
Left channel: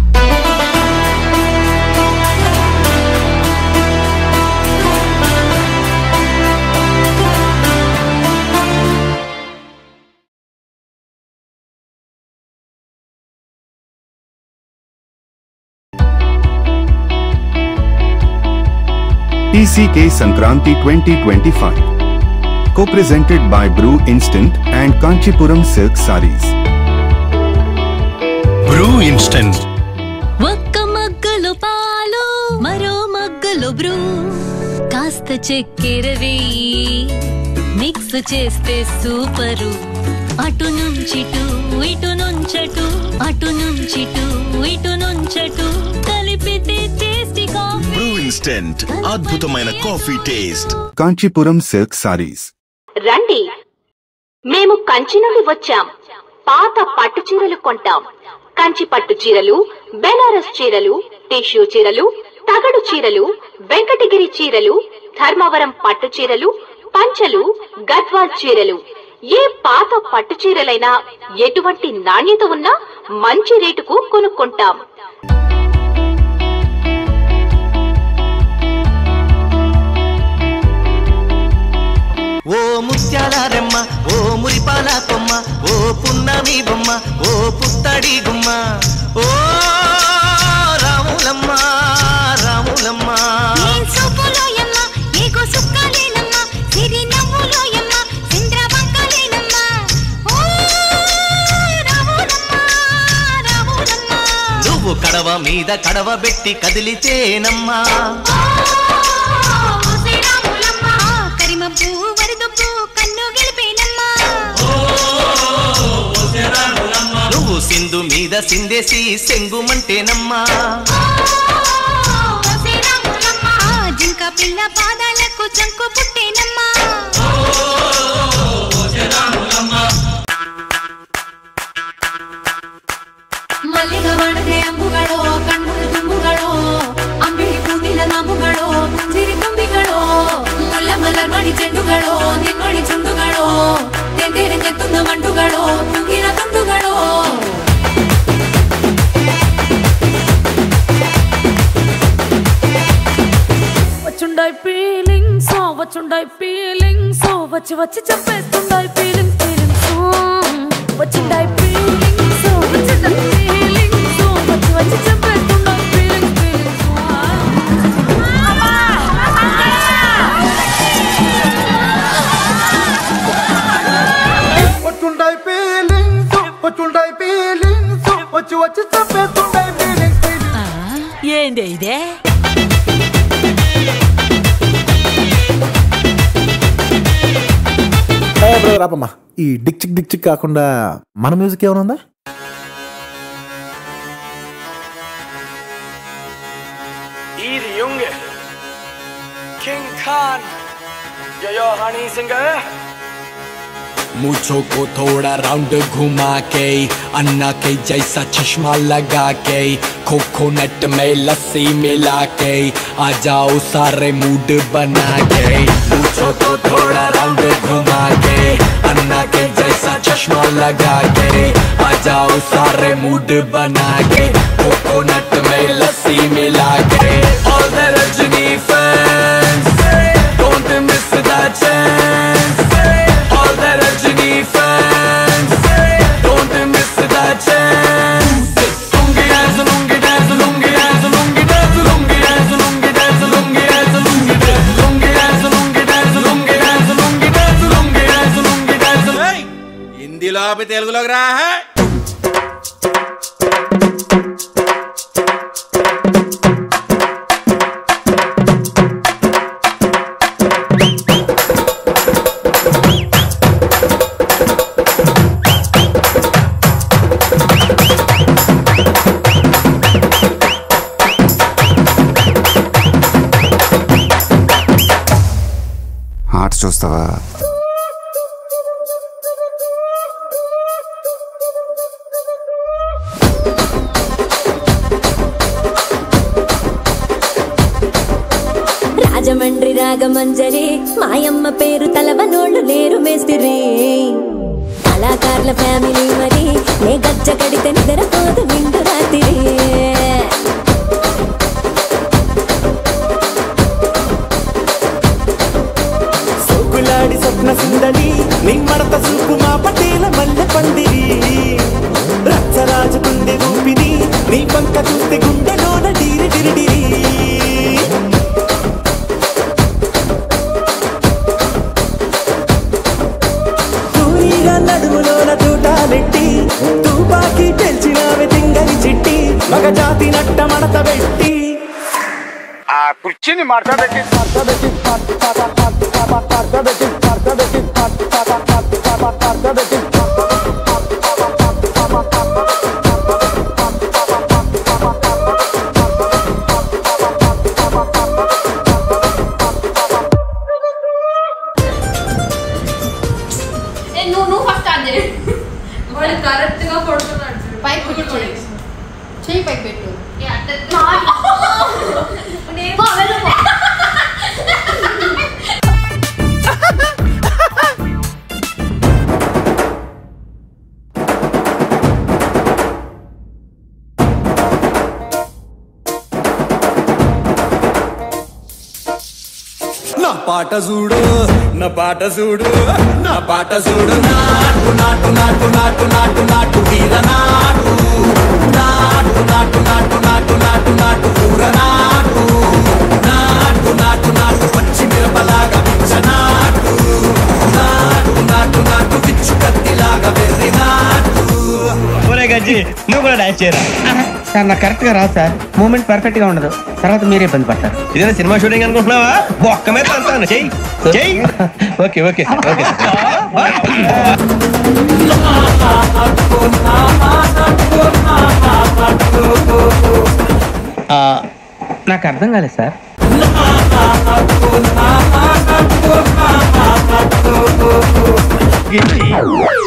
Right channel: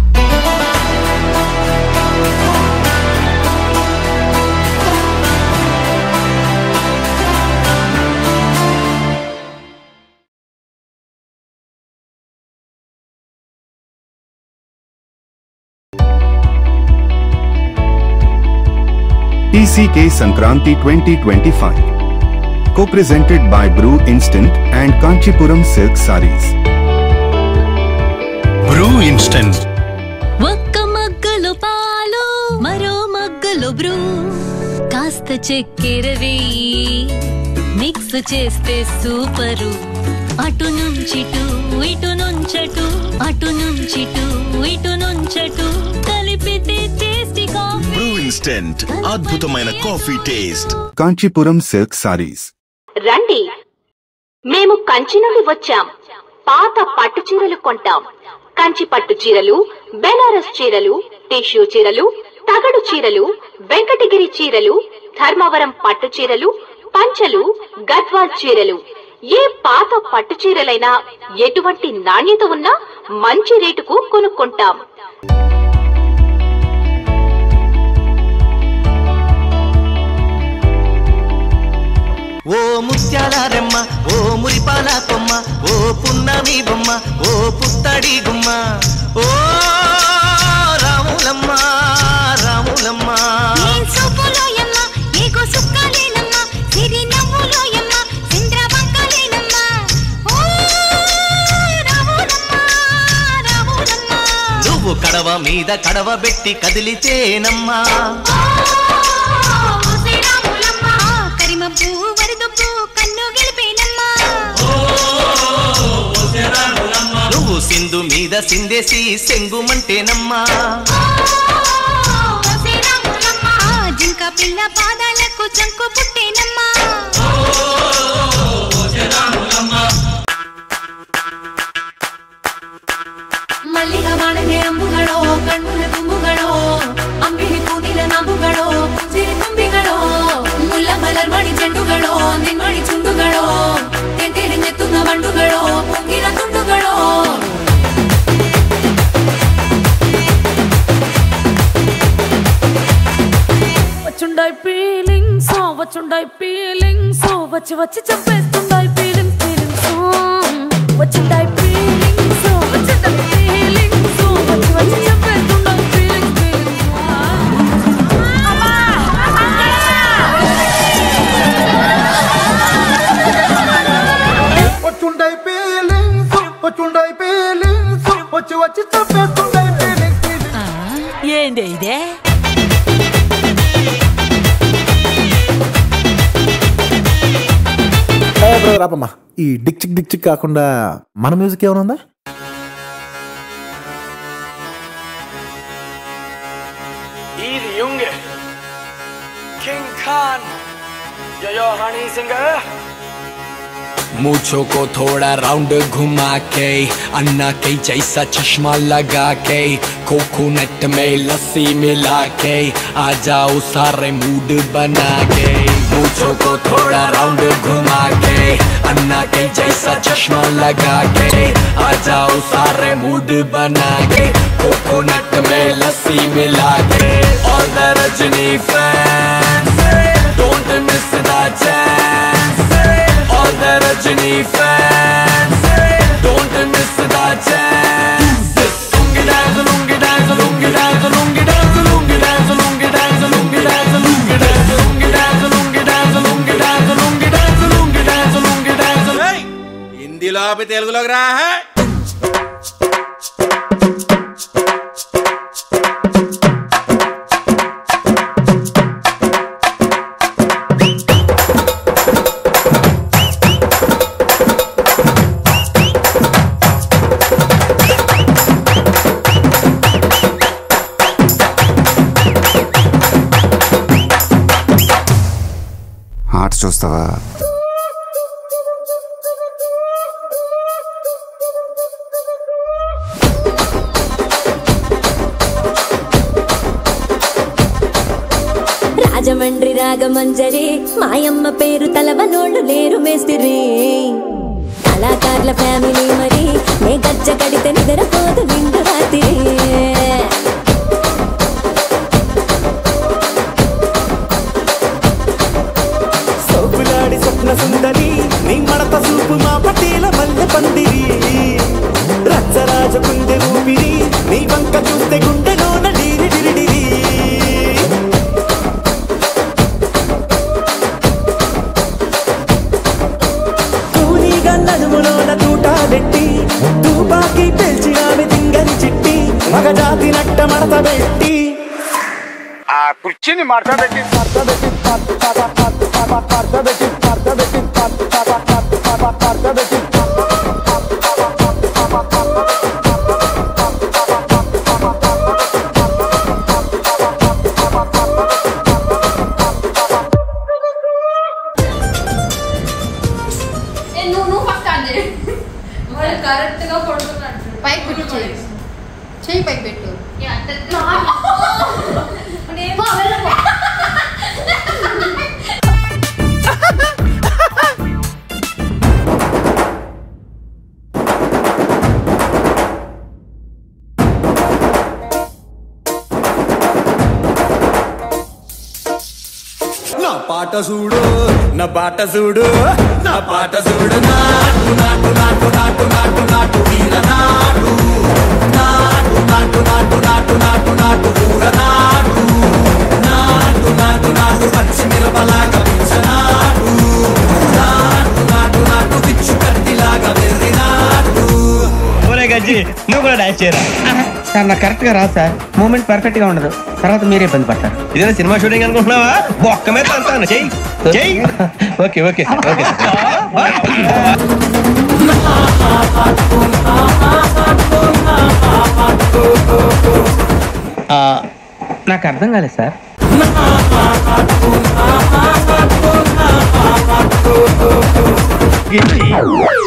TCK Sankranti 2025, co-presented by Brew Instant and Kanchipuram Silk Sarees. Brew Instant. ఒక్క మగ్గలో పాలు మరో మగ్గలో బ్రూ, కాస్త చక్కెర వేయి మిక్స్ చేస్తే సూపరు. అటు నుంచిటు ఇటు నుంచటు, అటు నుంచిటు ఇటు నుంచటు, కలిపితే టేస్టీ కాఫీ. Brew Instant, అద్భుతమైన coffee taste. Kanchipuram Silk Sarees. రండి, మేము కంచి నుండి వచ్చాం. పాత పట్టు చీరలు కొంటాం. కంచి పట్టు చీరలు, బెనారస్ చీరలు, టిష్యూ చీరలు, తగడు చీరలు, వెంకటగిరి చీరలు, ధర్మవరం పట్టు చీరలు, పంచలు, గద్వాల్ చీరలు. ఏ పాత పట్టు చీరలైనా ఎటువంటి నాణ్యత ఉన్నా మంచి రేటుకు కొనుక్కుంటాం. ఓ ముత్యాల రెమ్మ, ఓ మురిపాల కొమ్మ, ఓ పున్నమి బొమ్మ, ఓ పుత్తడి గుమ్మ, ఓ రాములమ్మ రాములమ్మ. నువ్వు కడవ మీద కడవ పెట్టి కదిలితేనమ్మా, నువ్వు సింధు మీద సిందేసి సెంగుమంటేనమ్మా, జింక పిల్ల పాదాలకు చంకు పుట్టేనమ్మా. ಮಲ್ಲಿಗ ಬಾಣದೆ ಅಂಬುಗಳೋ, ಕಣ್ಣುಗಳ ತುಂಬುಗಳೋ, ಅಂಬಿಲಿ ಕೂದಿದ ನಾಂಬುಗಳೋ, ಸಿರಿ ಕೊಂಬಿಗಳೋ, ಮುಲ್ಲ ಮಲರ್ ಮಣಿ ಚೆಂಡುಗಳೋ, ನಿಮ್ಮಣಿ ಚುಂಡುಗಳೋ, ತೆಂಟೆರೆ ನೆತ್ತುಂಗ ಬಂಡುಗಳೋ, ಮುಂಗಿನ ತುಂಡುಗಳೋ. వచ్చుండై ఫీలింగ్స్, వచ్చుండై ఫీలింగ్స్, వచ్చి వచ్చి చంపేస్తుండై ఫీలింగ్స్ ఫీలింగ్స్. వచ్చుండై ఫీలింగ్స్, వచ్చుండై ఫీలింగ్స్, వచ్చి వచ్చి చంపేస్తుండై ఫీలింగ్స్ ఫీలింగ్స్. వచ్చుండై ఫీలింగ్స్, వచ్చుండై ఫీలింగ్స్, వచ్చి వచ్చి చంపేస్తుండై ఫీలింగ్స్ ఫీలింగ్స్. ఏంది ఇదే? బ్రదర్ రాపమ్మా, ఈ డిక్ చిక్ కాకుండా మన మ్యూజిక్ ఏమైనా ఉందా? Easy Junge, King Khan, yo honey singer. मुझो को थोड़ा राउंड घुमा के, अन्ना के जैसा चश्मा लगा के, कोकोनट में लस्सी मिला के, आ जाओ सारे मूड बना के. मुझो को थोड़ा राउंड घुमा के, अन्ना के जैसा चश्मा लगा के, आ जाओ सारे मूड बना के, कोकोनट में लस्सी मिला के. All the Rajini fans, don't miss the chance. All the Rajini fans, don't miss the chance. Lungi dance, lungi dance, lungi dance, lungi dance, lungi dance, lungi dance, lungi dance, lungi dance, lungi dance, lungi dance, lungi dance, lungi dance, lungi dance, lungi dance. Hey, హిందీలో ఆపి తెలుగులోకి రా. ఆట చూస్తావా? రాజమండ్రి రాగమంజరి, మాయమ్మ పేరు తలవనోళ్ళు లేరు మేస్తిరి. కళాకారుల ఫ్యామిలీ మరి, నే గజ్జ కడితే నిద్రపోదు నిండు రాత్రి. సోగులాడి స్వప్న సుందరి, నీ మడత చూపు మా పటేల మల్లె పందిరి. రచ్చరాజ కుందె ఊపిరి, నీ వంక చూస్తే గుండెలోన డీరి డిరిడిరి. తూనీగా నడుములోన తూట పెట్టి, తుపాకి పెంచి ఆమె తింగని చిట్టి, మగజాతి నట్ట మడత పెట్టి. ఆ కుర్చీని మార్చబెట్టి మార్చబెట్టి మార్చబెట్టి మార్చబెట్టి మార్చబెట్టి మార్చబెట్టి నువ్వు ఫస్ట్ స్టార్ట్ చేయి. కరెక్ట్ గా పడుకున్నాడు. పైకి పెట్టు, చెయ్యి పైకి పెట్టు. నా పాట చూడు నా పాట చూడు నా పాట చూడు నాటు నాటు నాటు నాటు నాటు నాటు తీర నాటు నాటు నాటు నాటు నాటు నాటు నాటు ఊర నాటు నాటు నాటు నాటు పచ్చి మిరపలాగా పిచ్చ నాటు నాటు నాటు నాటు పిచ్చు కత్తిలాగా వెర్రి నాటు. ఒరే గజ్జి నువ్వు కూడా డాన్స్ చేయరా? సార్ నాకు కరెక్ట్ గా రాదు సార్, మూమెంట్ పర్ఫెక్ట్ గా ఉండదు, తర్వాత మీరే ఇబ్బంది పడతారు. ఇదే సినిమా షూటింగ్ అనుకుంటున్నావా? బొక్క మీద అంటాను, చెయ్యి చెయ్యి. ఓకే ఓకే సార్, ఓకే నాకు అర్థం కాలేదు సార్.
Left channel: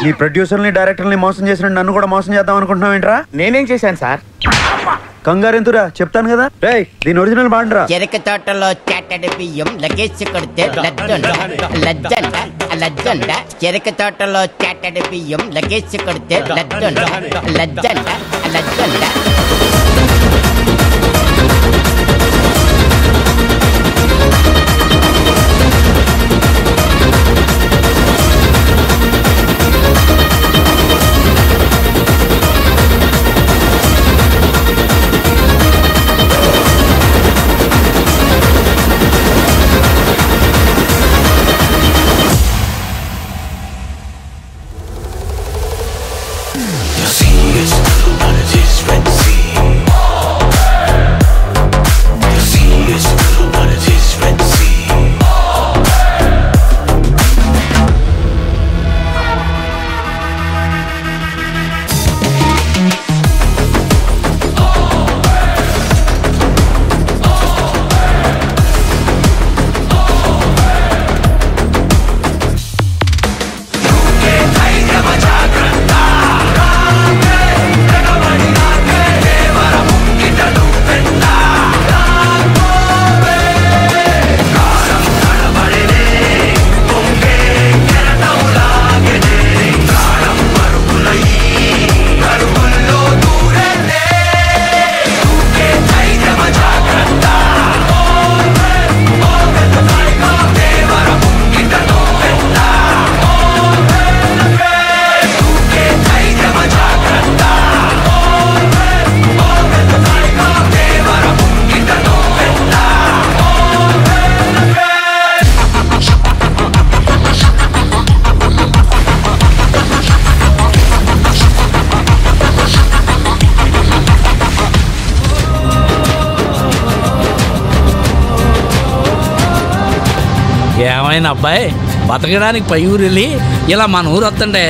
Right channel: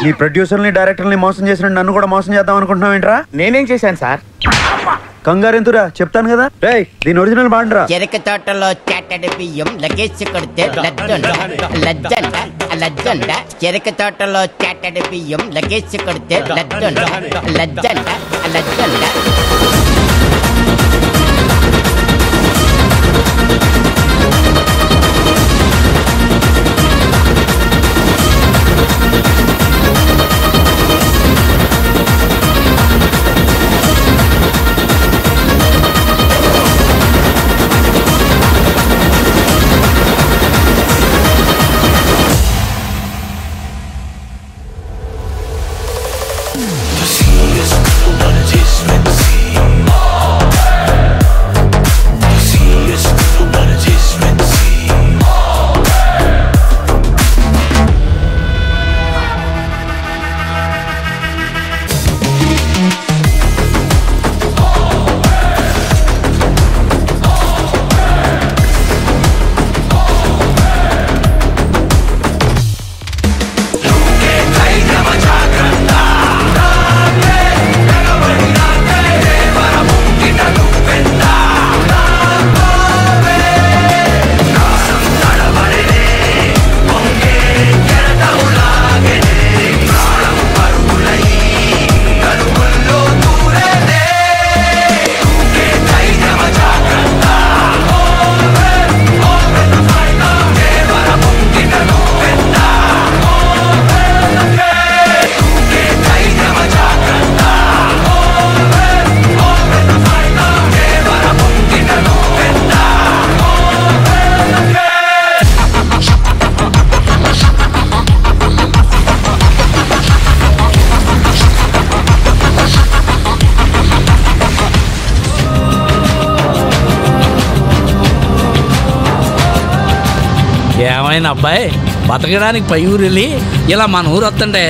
నీ ప్రొడ్యూసర్ని డైరెక్టర్ని మోసం చేసిన నన్ను కూడా మోసం చేద్దాం అనుకుంటున్నావు ఏంట్రా? నేనేం చేశాను సార్? కంగారు ఎంతురా చెప్తాను కదా. రేయ్ దీని ఒరిజినల్ బాండ్రా. చెరక తోటలో చాటడి బియ్యం లగేసి కొడితే లజ్జండ లజ్జండ లజ్జండ. చెరక తోటలో చాటడి బియ్యం లగేసి కొడితే లజ్జండ లజ్జండ లజ్జండ. ఏమైనా అబ్బాయి, బతకడానికి పై ఊరు వెళ్ళి ఇలా మన ఊరు వస్తుంటే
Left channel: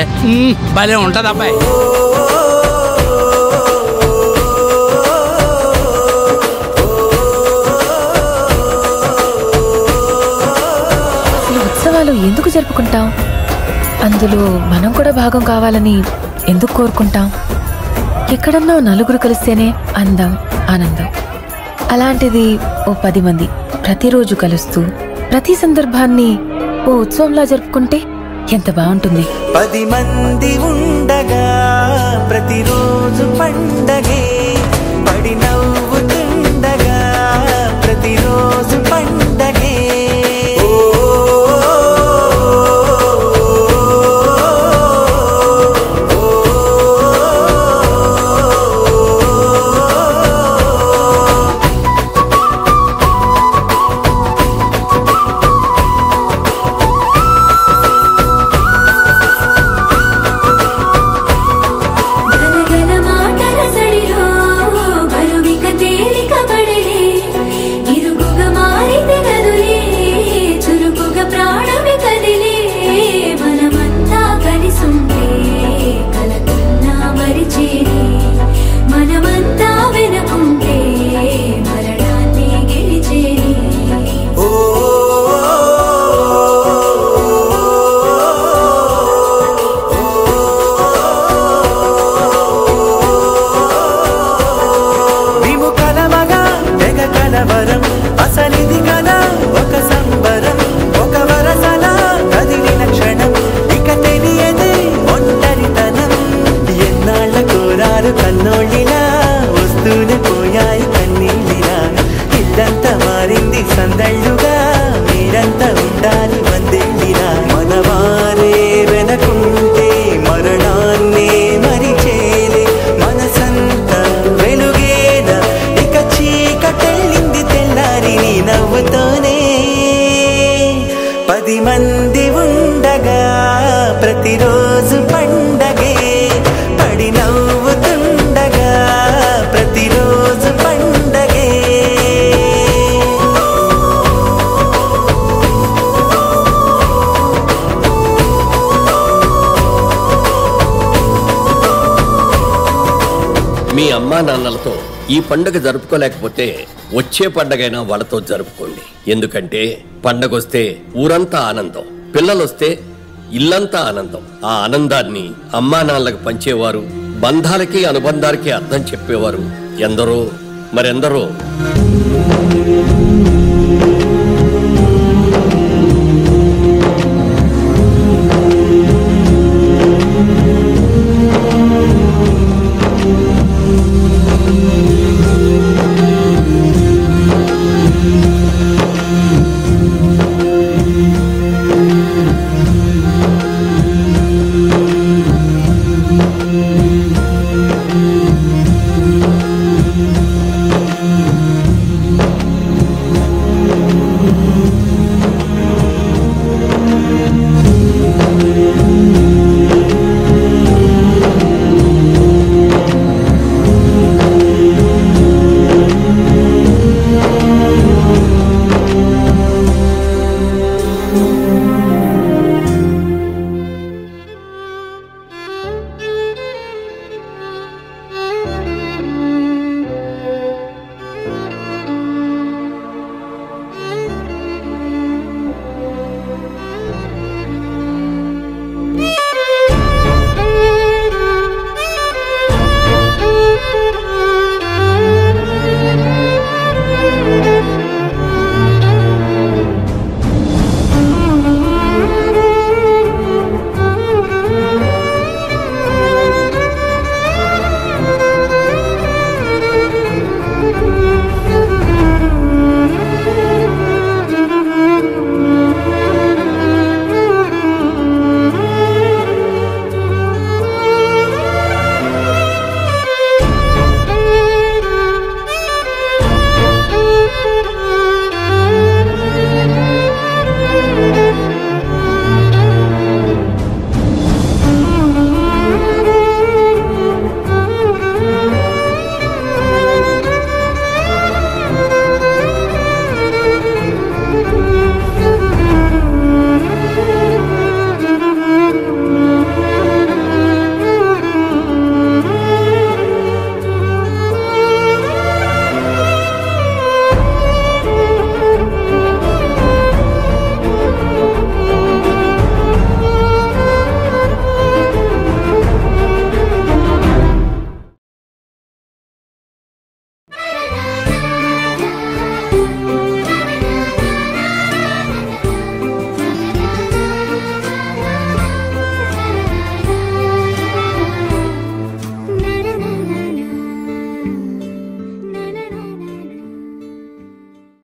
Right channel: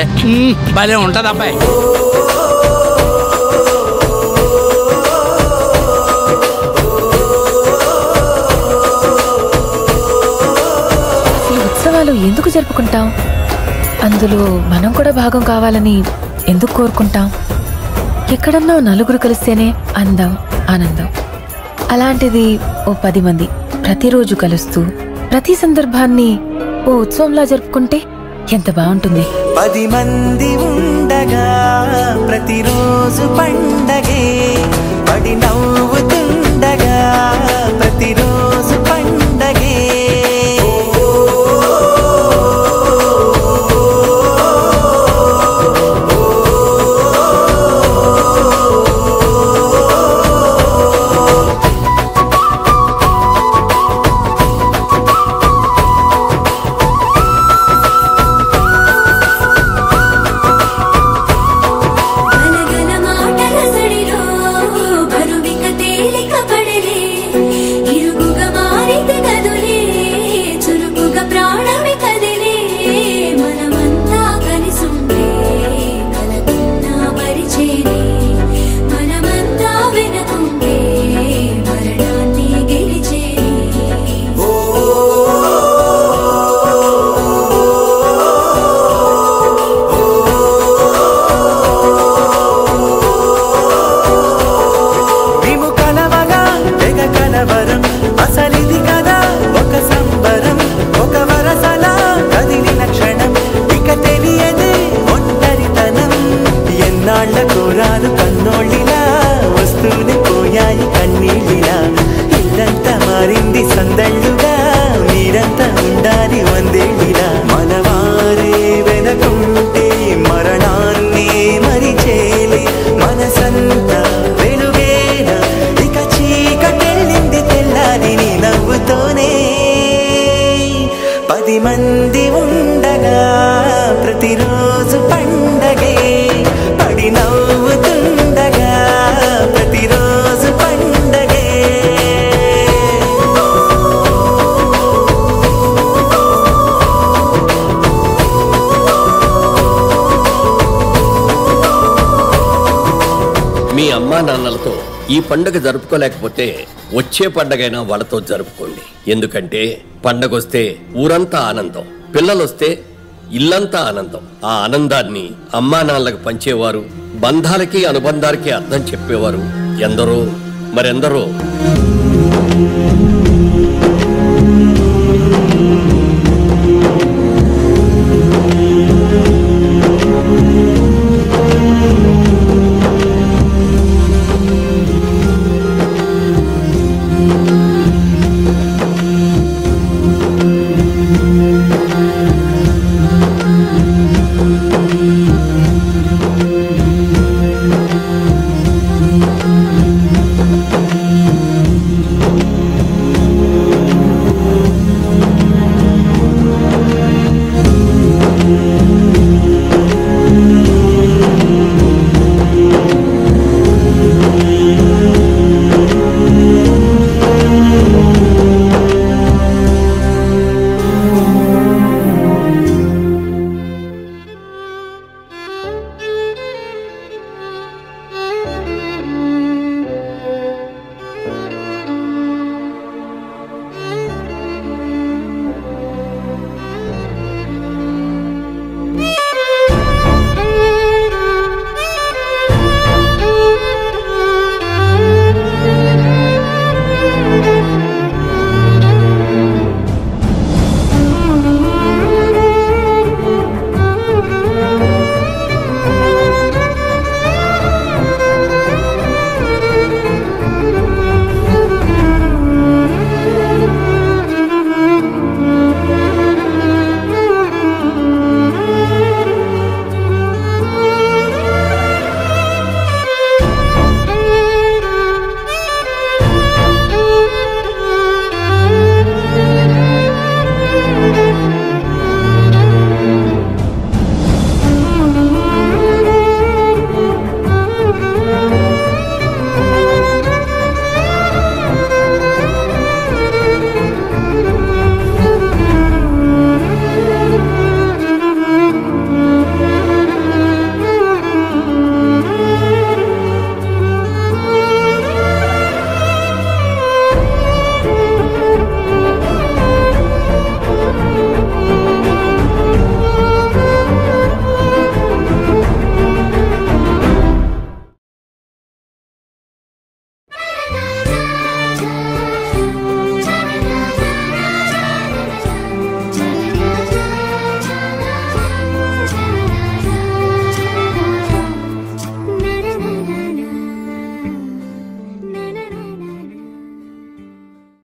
భలే ఉంటుంది అబ్బాయి. అసలు ఉత్సవాలు ఎందుకు జరుపుకుంటాం? అందులో మనం కూడా భాగం కావాలని ఎందుకు కోరుకుంటాం? ఎక్కడన్నా నలుగురు కలిస్తేనే అందం ఆనందం. అలాంటిది ఓ 10 మంది ప్రతిరోజు కలుస్తూ ప్రతి సందర్భాన్ని ఓ ఉత్సవంలా జరుపుకుంటే ఎంత బాగుంటుంది. 10 మంది ఉండగా ప్రతిరోజు పండగే పడి నవ్వుతుండగా ప్రతిరోజు పండగే. గలగల మాటల సడి మీ అమ్మా నాన్నలతో ఈ పండుగ జరుపుకోలేకపోతే వచ్చే పండగైనా వాళ్ళతో జరుపుకోండి. ఎందుకంటే పండగొస్తే ఊరంతా ఆనందం, పిల్లలొస్తే ఇల్లంతా ఆనందం. ఆ ఆనందాన్ని అమ్మా నాన్నలకు పంచేవారు, బంధాలకి అనుబంధాలకి అర్థం చెప్పేవారు ఎందరో మరెందరో